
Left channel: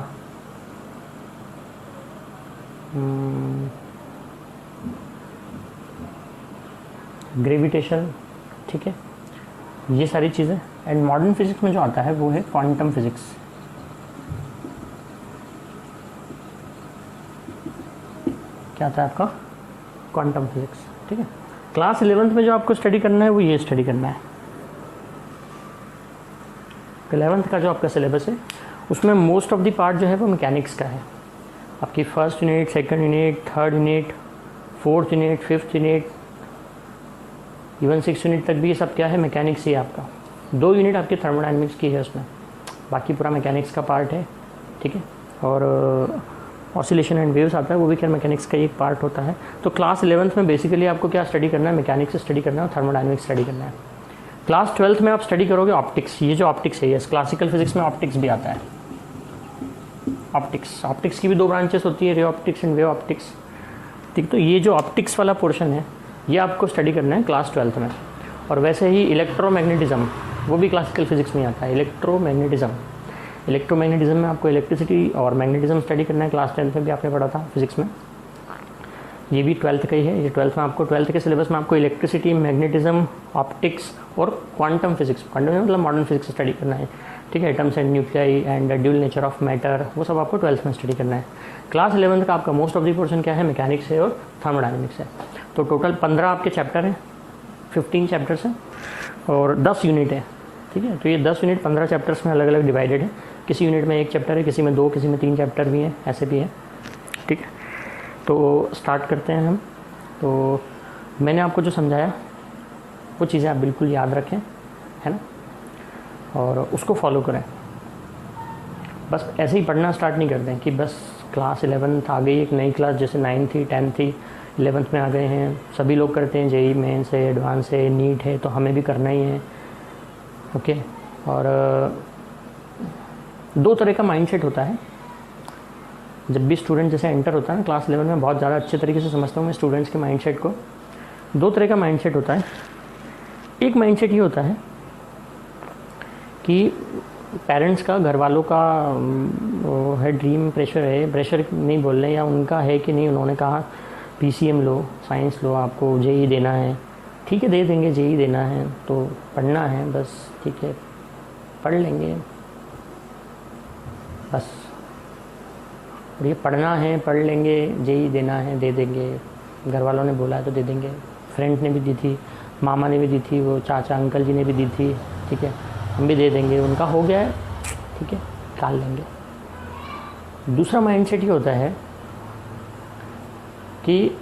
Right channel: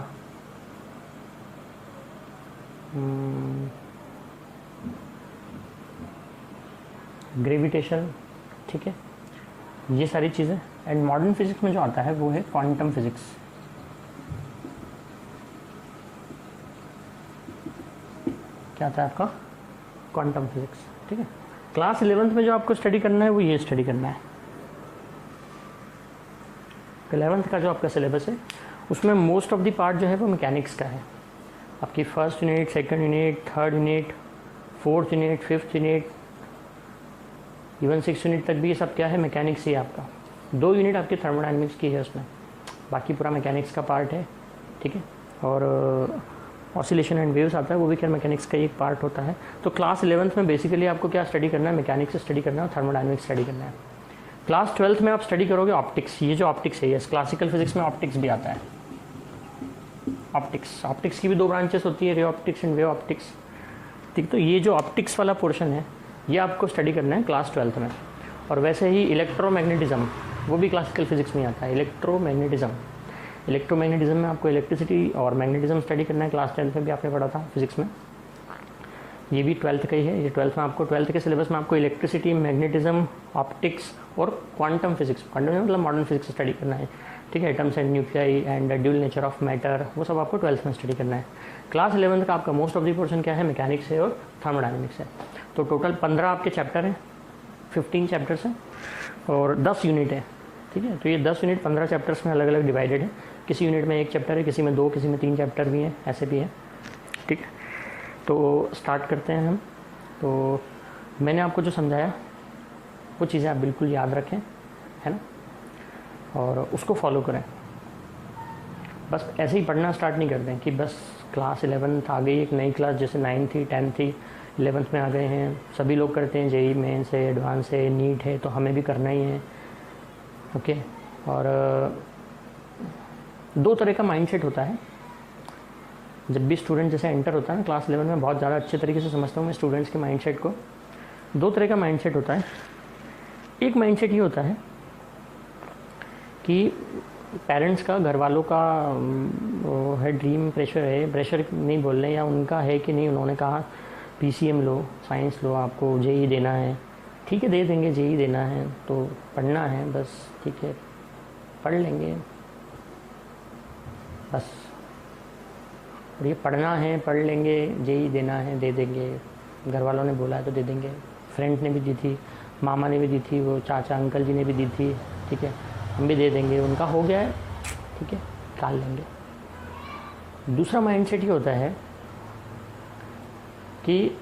ग्रेविटेशन। ठीक है, ये सारी चीज़ें। एंड मॉडर्न फिजिक्स में जो आता है वो है क्वांटम फिजिक्स। क्या आता है आपका, क्वांटम फिजिक्स। ठीक है, क्लास 11th में जो आपको स्टडी करना है वो ये स्टडी करना है। 11th का जो आपका सिलेबस है उसमें मोस्ट ऑफ द पार्ट जो है वो मैकेनिक्स का है। आपकी first unit, second unit, third unit, fourth unit, fifth unit, even 6th unit तक भी ये सब क्या है, मैकेनिक्स ही है आपका। 2 यूनिट आपके थर्मोडायनेमिक्स की है उसमें, बाकी पूरा मैकेनिक्स का पार्ट है। ठीक है, और ऑसिलेशन एंड वेव्स आता है, वो भी क्या मैकेनिक्स का एक पार्ट होता है। तो क्लास 11th में बेसिकली आपको क्या स्टडी करना है, मैकेनिक्स स्टडी करना है और थर्मोडायनेमिक्स स्टडी करना है। क्लास 12th में आप स्टडी करोगे ऑप्टिक्स। ये जो ऑप्टिक्स है, ये क्लासिकल फिजिक्स में ऑप्टिक्स भी आता है। ऑप्टिक्स की भी 2 ब्रांचेस होती है, ray optics and wave optics. ठीक, तो ये जो ऑप्टिक्स वाला पोर्शन है ये आपको स्टडी करना है क्लास 12th में। और वैसे ही इलेक्ट्रोमैग्नेटिज्म, वो भी क्लासिकल फिजिक्स में आता है। इलेक्ट्रोमैग्नेटिज्म में आपको इलेक्ट्रिसिटी और मैग्नेटिज्म स्टडी करना है। क्लास 10th में भी आपने पढ़ा था फिजिक्स में, ये भी 12th का ही है। ये 12th में आपको, 12th के सिलेबस में आपको इलेक्ट्रिसिटी, मैग्नेटिज्म, ऑप्टिक्स और क्वांटम फिजिक्स, क्वांटम मतलब मॉडर्न फिजिक्स स्टडी करना है। ठीक है, atoms and nuclei and dual nature of matter, वो सब आपको 12th में स्टडी करना है। क्लास 11th का आपका मोस्ट ऑफ द पोर्शन क्या है, मैकेनिक्स है और थर्मोडायनेमिक्स है। तो टोटल 15 आपके चैप्टर हैं, 15 चैप्टर्स हैं और 10 यूनिट है। ठीक है, तो ये 10 यूनिट 15 चैप्टर्स में अलग अलग डिवाइडेड है। किसी यूनिट में 1 चैप्टर है, किसी में 2, किसी में 3 चैप्टर भी हैं, ऐसे भी है। ठीक है, तो स्टार्ट करते हैं हम। तो मैंने आपको जो समझाया वो चीज़ें आप बिल्कुल याद रखें, है ना, और उसको फॉलो करें। बस ऐसे ही पढ़ना स्टार्ट नहीं कर दें कि बस क्लास 11th आ गई, एक नई क्लास, जैसे 9th थी, 10th थी, 11th में आ गए हैं, सभी लोग करते हैं, जेई मेंस है, एडवांस है, नीट है, तो हमें भी करना ही है। ओके, और 2 तरह का माइंडसेट होता है जब भी स्टूडेंट जैसे एंटर होता है ना क्लास 11 में। बहुत ज़्यादा अच्छे तरीके से समझता हूँ मैं स्टूडेंट्स के माइंडसेट को। 2 तरह का माइंडसेट होता है। एक माइंडसेट ये होता है कि पेरेंट्स का, घर वालों का वो है, ड्रीम, प्रेशर नहीं बोल रहे, या उनका है कि नहीं, उन्होंने कहा पीसीएम लो, साइंस लो, आपको जेई देना है, ठीक है दे देंगे, जेई देना है तो पढ़ना है बस, ठीक है पढ़ लेंगे बस, ये पढ़ना है पढ़ लेंगे, जेई देना है दे देंगे, घर वालों ने बोला है तो दे देंगे, फ्रेंड ने भी दी थी, मामा ने भी दी थी, वो चाचा अंकल जी ने भी दी थी, ठीक है हम भी दे देंगे, उनका हो गया है, ठीक है निकाल लेंगे। दूसरा माइंडसेट ये होता है कि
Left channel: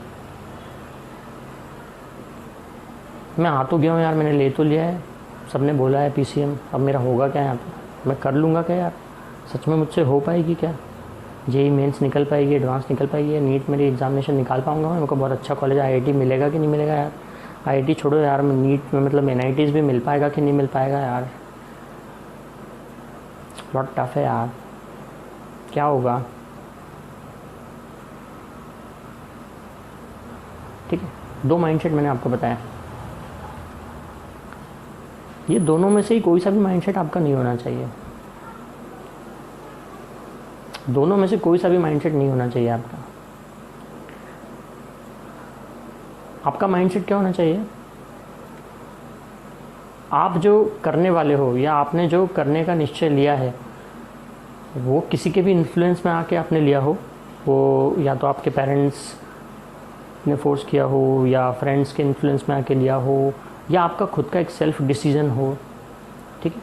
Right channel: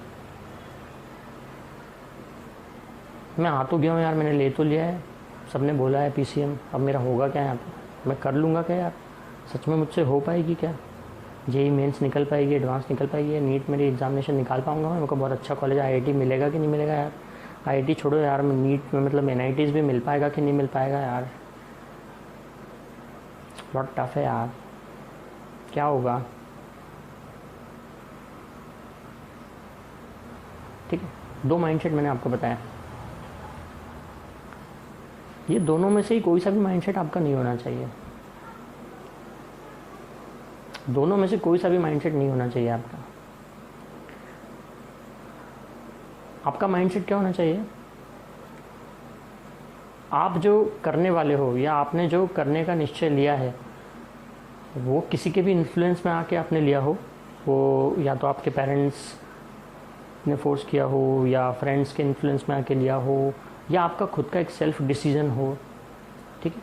मैं आ तो गया हूँ यार, मैंने ले तो लिया है, सबने बोला है पीसीएम, अब मेरा होगा क्या यहाँ पे, मैं कर लूँगा क्या यार, सच में मुझसे हो पाएगी क्या, जेई मेंस निकल पाएगी, एडवांस निकल पाएगी, नीट मेरी एग्जामिनेशन निकाल पाऊँगा मैं, मेरे को बहुत अच्छा कॉलेज आईआईटी मिलेगा कि नहीं मिलेगा यार, आईआईटी छोड़ो यार, नीट में मतलब एनआईटीज़ भी मिल पाएगा कि नहीं मिल पाएगा यार, बहुत टफ है यार, क्या होगा, ठीक है, 2 माइंडसेट मैंने आपको बताया। ये दोनों में से ही कोई सा भी माइंडसेट आपका नहीं होना चाहिए, दोनों में से कोई सा भी माइंडसेट नहीं होना चाहिए आपका। आपका माइंडसेट क्या होना चाहिए? आप जो करने वाले हो या आपने जो करने का निश्चय लिया है वो किसी के भी इन्फ्लुएंस में आके आपने लिया हो, वो या तो आपके पेरेंट्स ने फोर्स किया हो या फ्रेंड्स के इन्फ्लुएंस में आके लिया हो या आपका खुद का एक सेल्फ डिसीजन हो, ठीक है।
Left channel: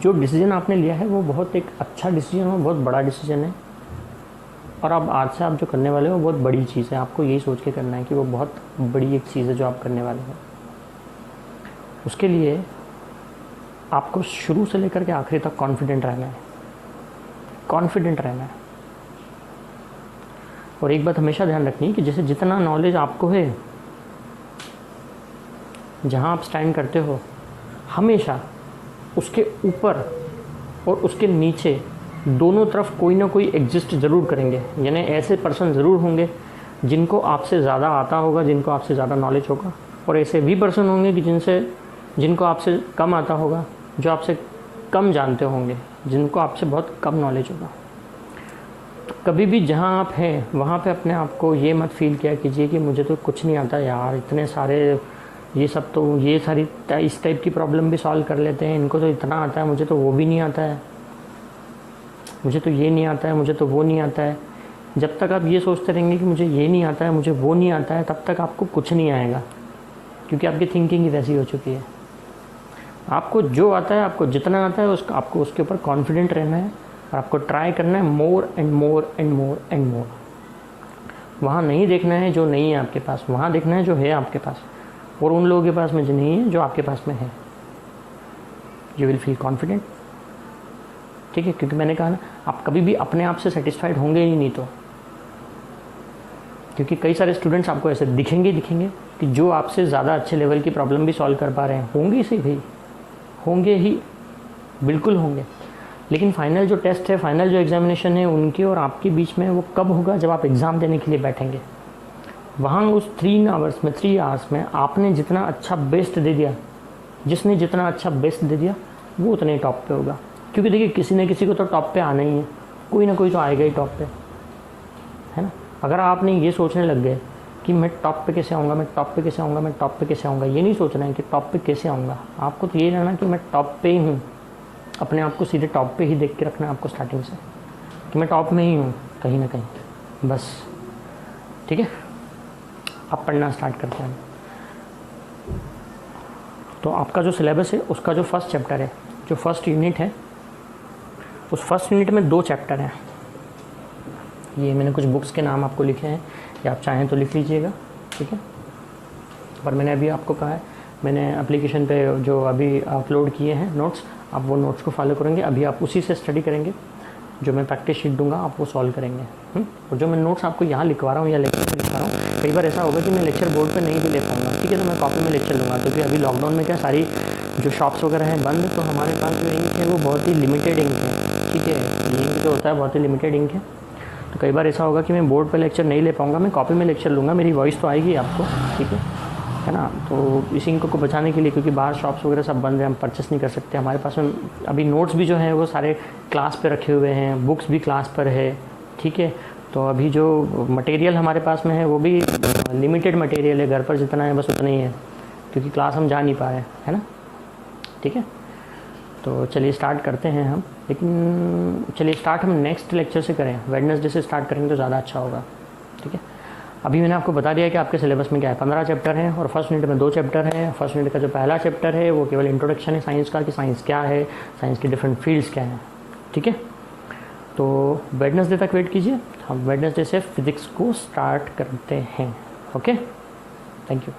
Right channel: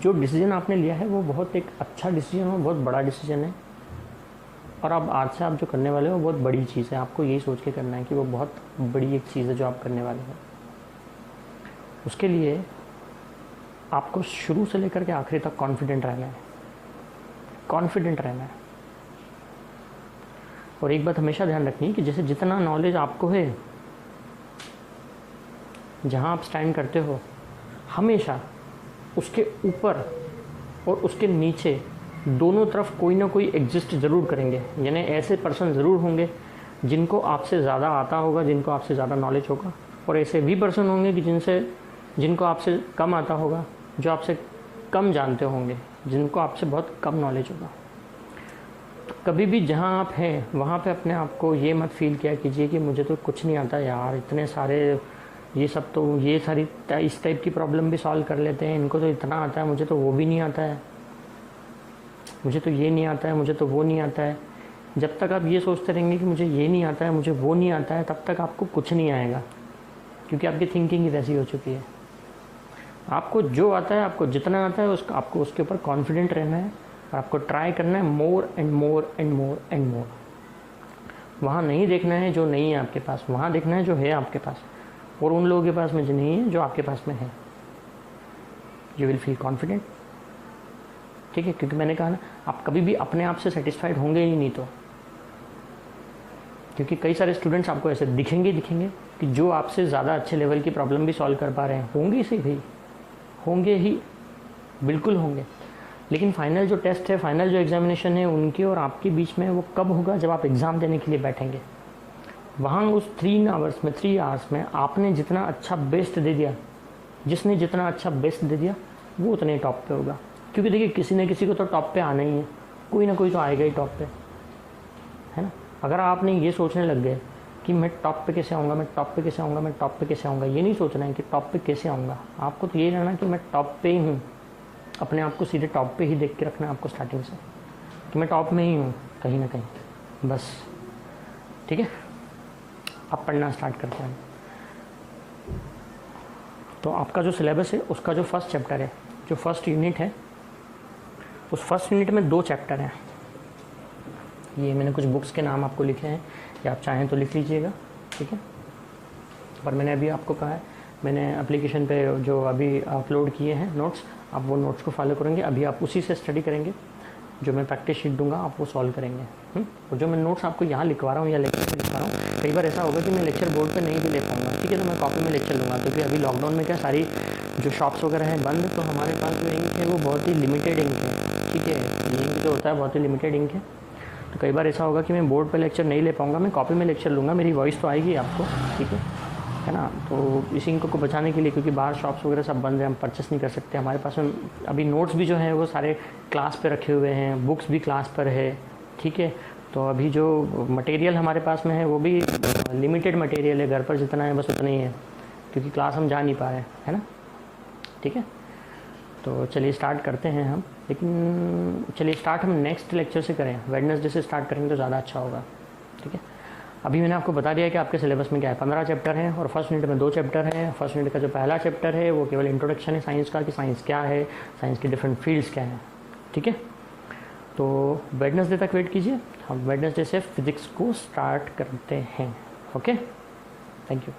जो डिसीजन आपने लिया है वो बहुत एक अच्छा डिसीजन हो, बहुत बड़ा डिसीजन है, और अब आज से आप जो करने वाले हो वो बहुत बड़ी चीज़ है। आपको यही सोच के करना है कि वो बहुत बड़ी एक चीज़ है जो आप करने वाले हैं। उसके लिए आपको शुरू से लेकर के आखिरी तक कॉन्फिडेंट रहना है, कॉन्फिडेंट रहना है। और एक बात हमेशा ध्यान रखनी है कि जैसे जितना नॉलेज आपको है, जहाँ आप स्टैंड करते हो, हमेशा उसके ऊपर और उसके नीचे दोनों तरफ कोई ना कोई एग्जिस्ट ज़रूर करेंगे। यानी ऐसे पर्सन ज़रूर होंगे जिनको आपसे ज़्यादा आता होगा, जिनको आपसे ज़्यादा नॉलेज होगा, और ऐसे भी पर्सन होंगे कि जिनको आपसे कम आता होगा, जो आपसे कम जानते होंगे, जिनको आपसे बहुत कम नॉलेज होगा। तो कभी भी जहाँ आप हैं वहाँ पे अपने आप को ये मत फील किया कीजिए कि मुझे तो कुछ नहीं आता यार, इतने सारे ये सब तो ये सारी इस टाइप की प्रॉब्लम भी सॉल्व कर लेते हैं, इनको तो इतना आता है, मुझे तो वो भी नहीं आता है, मुझे तो ये नहीं आता है, मुझे तो वो नहीं आता है। जब तक आप ये सोचते रहेंगे कि मुझे ये नहीं आता है, मुझे वो नहीं आता है, तब तक आपको कुछ नहीं आएगा, क्योंकि आपकी थिंकिंग ही वैसी हो चुकी है। आपको जो आता है, आपको जितना आता है, आपको उसके ऊपर कॉन्फिडेंट रहना है और आपको ट्राई करना है more and more and more and more. वहाँ नहीं देखना है जो नहीं है आपके पास, वहाँ देखना है जो है आपके पास, और उन लोगों के पास में जो नहीं है, जो आपके पास में है। यू विल फील कॉन्फिडेंट, ठीक है, क्योंकि मैंने कहा ना, आप कभी भी अपने आप से सेटिस्फाइड होंगे ही नहीं। तो क्योंकि कई सारे स्टूडेंट्स आपको ऐसे दिखेंगे कि जो आपसे ज़्यादा अच्छे लेवल की प्रॉब्लम भी सॉल्व कर पा रहे हैं, होंगे सही भाई, होंगे ही, बिल्कुल होंगे। लेकिन फाइनल जो टेस्ट है, फाइनल जो एग्जामिनेशन है, उनके और आपके बीच में वो कब होगा? जब आप एग्ज़ाम देने के लिए बैठेंगे। वहाँ उस 3 आवर्स में आपने जितना अच्छा बेस्ट दे दिया, जिसने जितना अच्छा बेस्ट दे दिया, वो उतने टॉप पे होगा। क्योंकि देखिए, किसी न किसी को तो टॉप पे आना ही है, कोई ना कोई तो आएगा ही टॉप पे, है ना। अगर आपने ये सोचने लग गए कि मैं टॉप पे कैसे आऊँगा, मैं टॉप पे कैसे आऊँगा, मैं टॉप पे कैसे आऊँगा, ये नहीं सोचना है कि टॉप पे कैसे आऊँगा। आपको तो ये रहना कि मैं टॉप पे ही हूँ, अपने आप को सीधे टॉप पे ही देख के रखना है आपको स्टार्टिंग से, कि मैं टॉप में ही हूँ कहीं ना कहीं, बस। ठीक है, आप पढ़ना स्टार्ट करते हैं। तो आपका जो सिलेबस है, उसका जो फर्स्ट चैप्टर है, जो फर्स्ट यूनिट है, उस फर्स्ट यूनिट में 2 चैप्टर हैं। ये मैंने कुछ बुक्स के नाम आपको लिखे हैं, या आप चाहें तो लिख लीजिएगा, ठीक है। पर मैंने अभी आपको कहा है, मैंने एप्लीकेशन पे जो अभी अपलोड किए हैं नोट्स, आप वो नोट्स को फॉलो करेंगे। अभी आप उसी से स्टडी करेंगे, जो मैं प्रैक्टिस शीट दूंगा आप वो सॉल्व करेंगे। और जो मैं नोट्स आपको यहाँ लिखवा रहा हूँ या लेक्चर में लिखवा रहा हूँ, कई बार ऐसा होगा कि मैं लेक्चर बोर्ड पे नहीं भी ले पाऊँगा, ठीक है, तो मैं कॉपी में लेक्चर लूँगा। क्योंकि अभी लॉकडाउन में क्या सारी जो शॉप्स वगैरह हैं बंद, तो हमारे पास जो इंक है वो बहुत ही लिमिटेड इंक है, ठीक है। इंक जो होता है बहुत ही लिमिटेड इंक है, तो कई बार ऐसा होगा कि मैं बोर्ड पर लेक्चर नहीं ले पाऊँगा, मैं कॉपी में लेक्चर लूँगा, मेरी वॉइस तो आएगी आपको, ठीक है ना। तो इस इंक को बचाने के लिए, क्योंकि बाहर शॉप्स वगैरह सब बंद है, हम परचेस नहीं कर सकते, हमारे पास में अभी नोट्स भी जो हैं वो सारे क्लास पे रखे हुए हैं, बुक्स भी क्लास पर है, ठीक है। तो अभी जो मटेरियल हमारे पास में है वो भी लिमिटेड मटेरियल है, घर पर जितना है बस उतना ही है, क्योंकि क्लास हम जा नहीं पा रहे हैं, है ना, ठीक है। तो चलिए स्टार्ट करते हैं हम, लेकिन चलिए स्टार्ट हम नेक्स्ट लेक्चर से करें, वेडनेसडे से स्टार्ट करेंगे तो ज़्यादा अच्छा होगा, ठीक है। अभी मैंने आपको बता दिया कि आपके सिलेबस में क्या है, 15 चैप्टर हैं और फर्स्ट यूनिट में 2 चैप्टर हैं। फर्स्ट यूनिट का जो पहला चैप्टर है वो केवल इंट्रोडक्शन है साइंस का, कि साइंस क्या है, साइंस की डिफरेंट फील्ड्स क्या हैं, ठीक है। तो वेडनेसडे तक वेट कीजिए, हम वेडनेसडे से फिजिक्स को स्टार्ट करते हैं। Okay, thank you.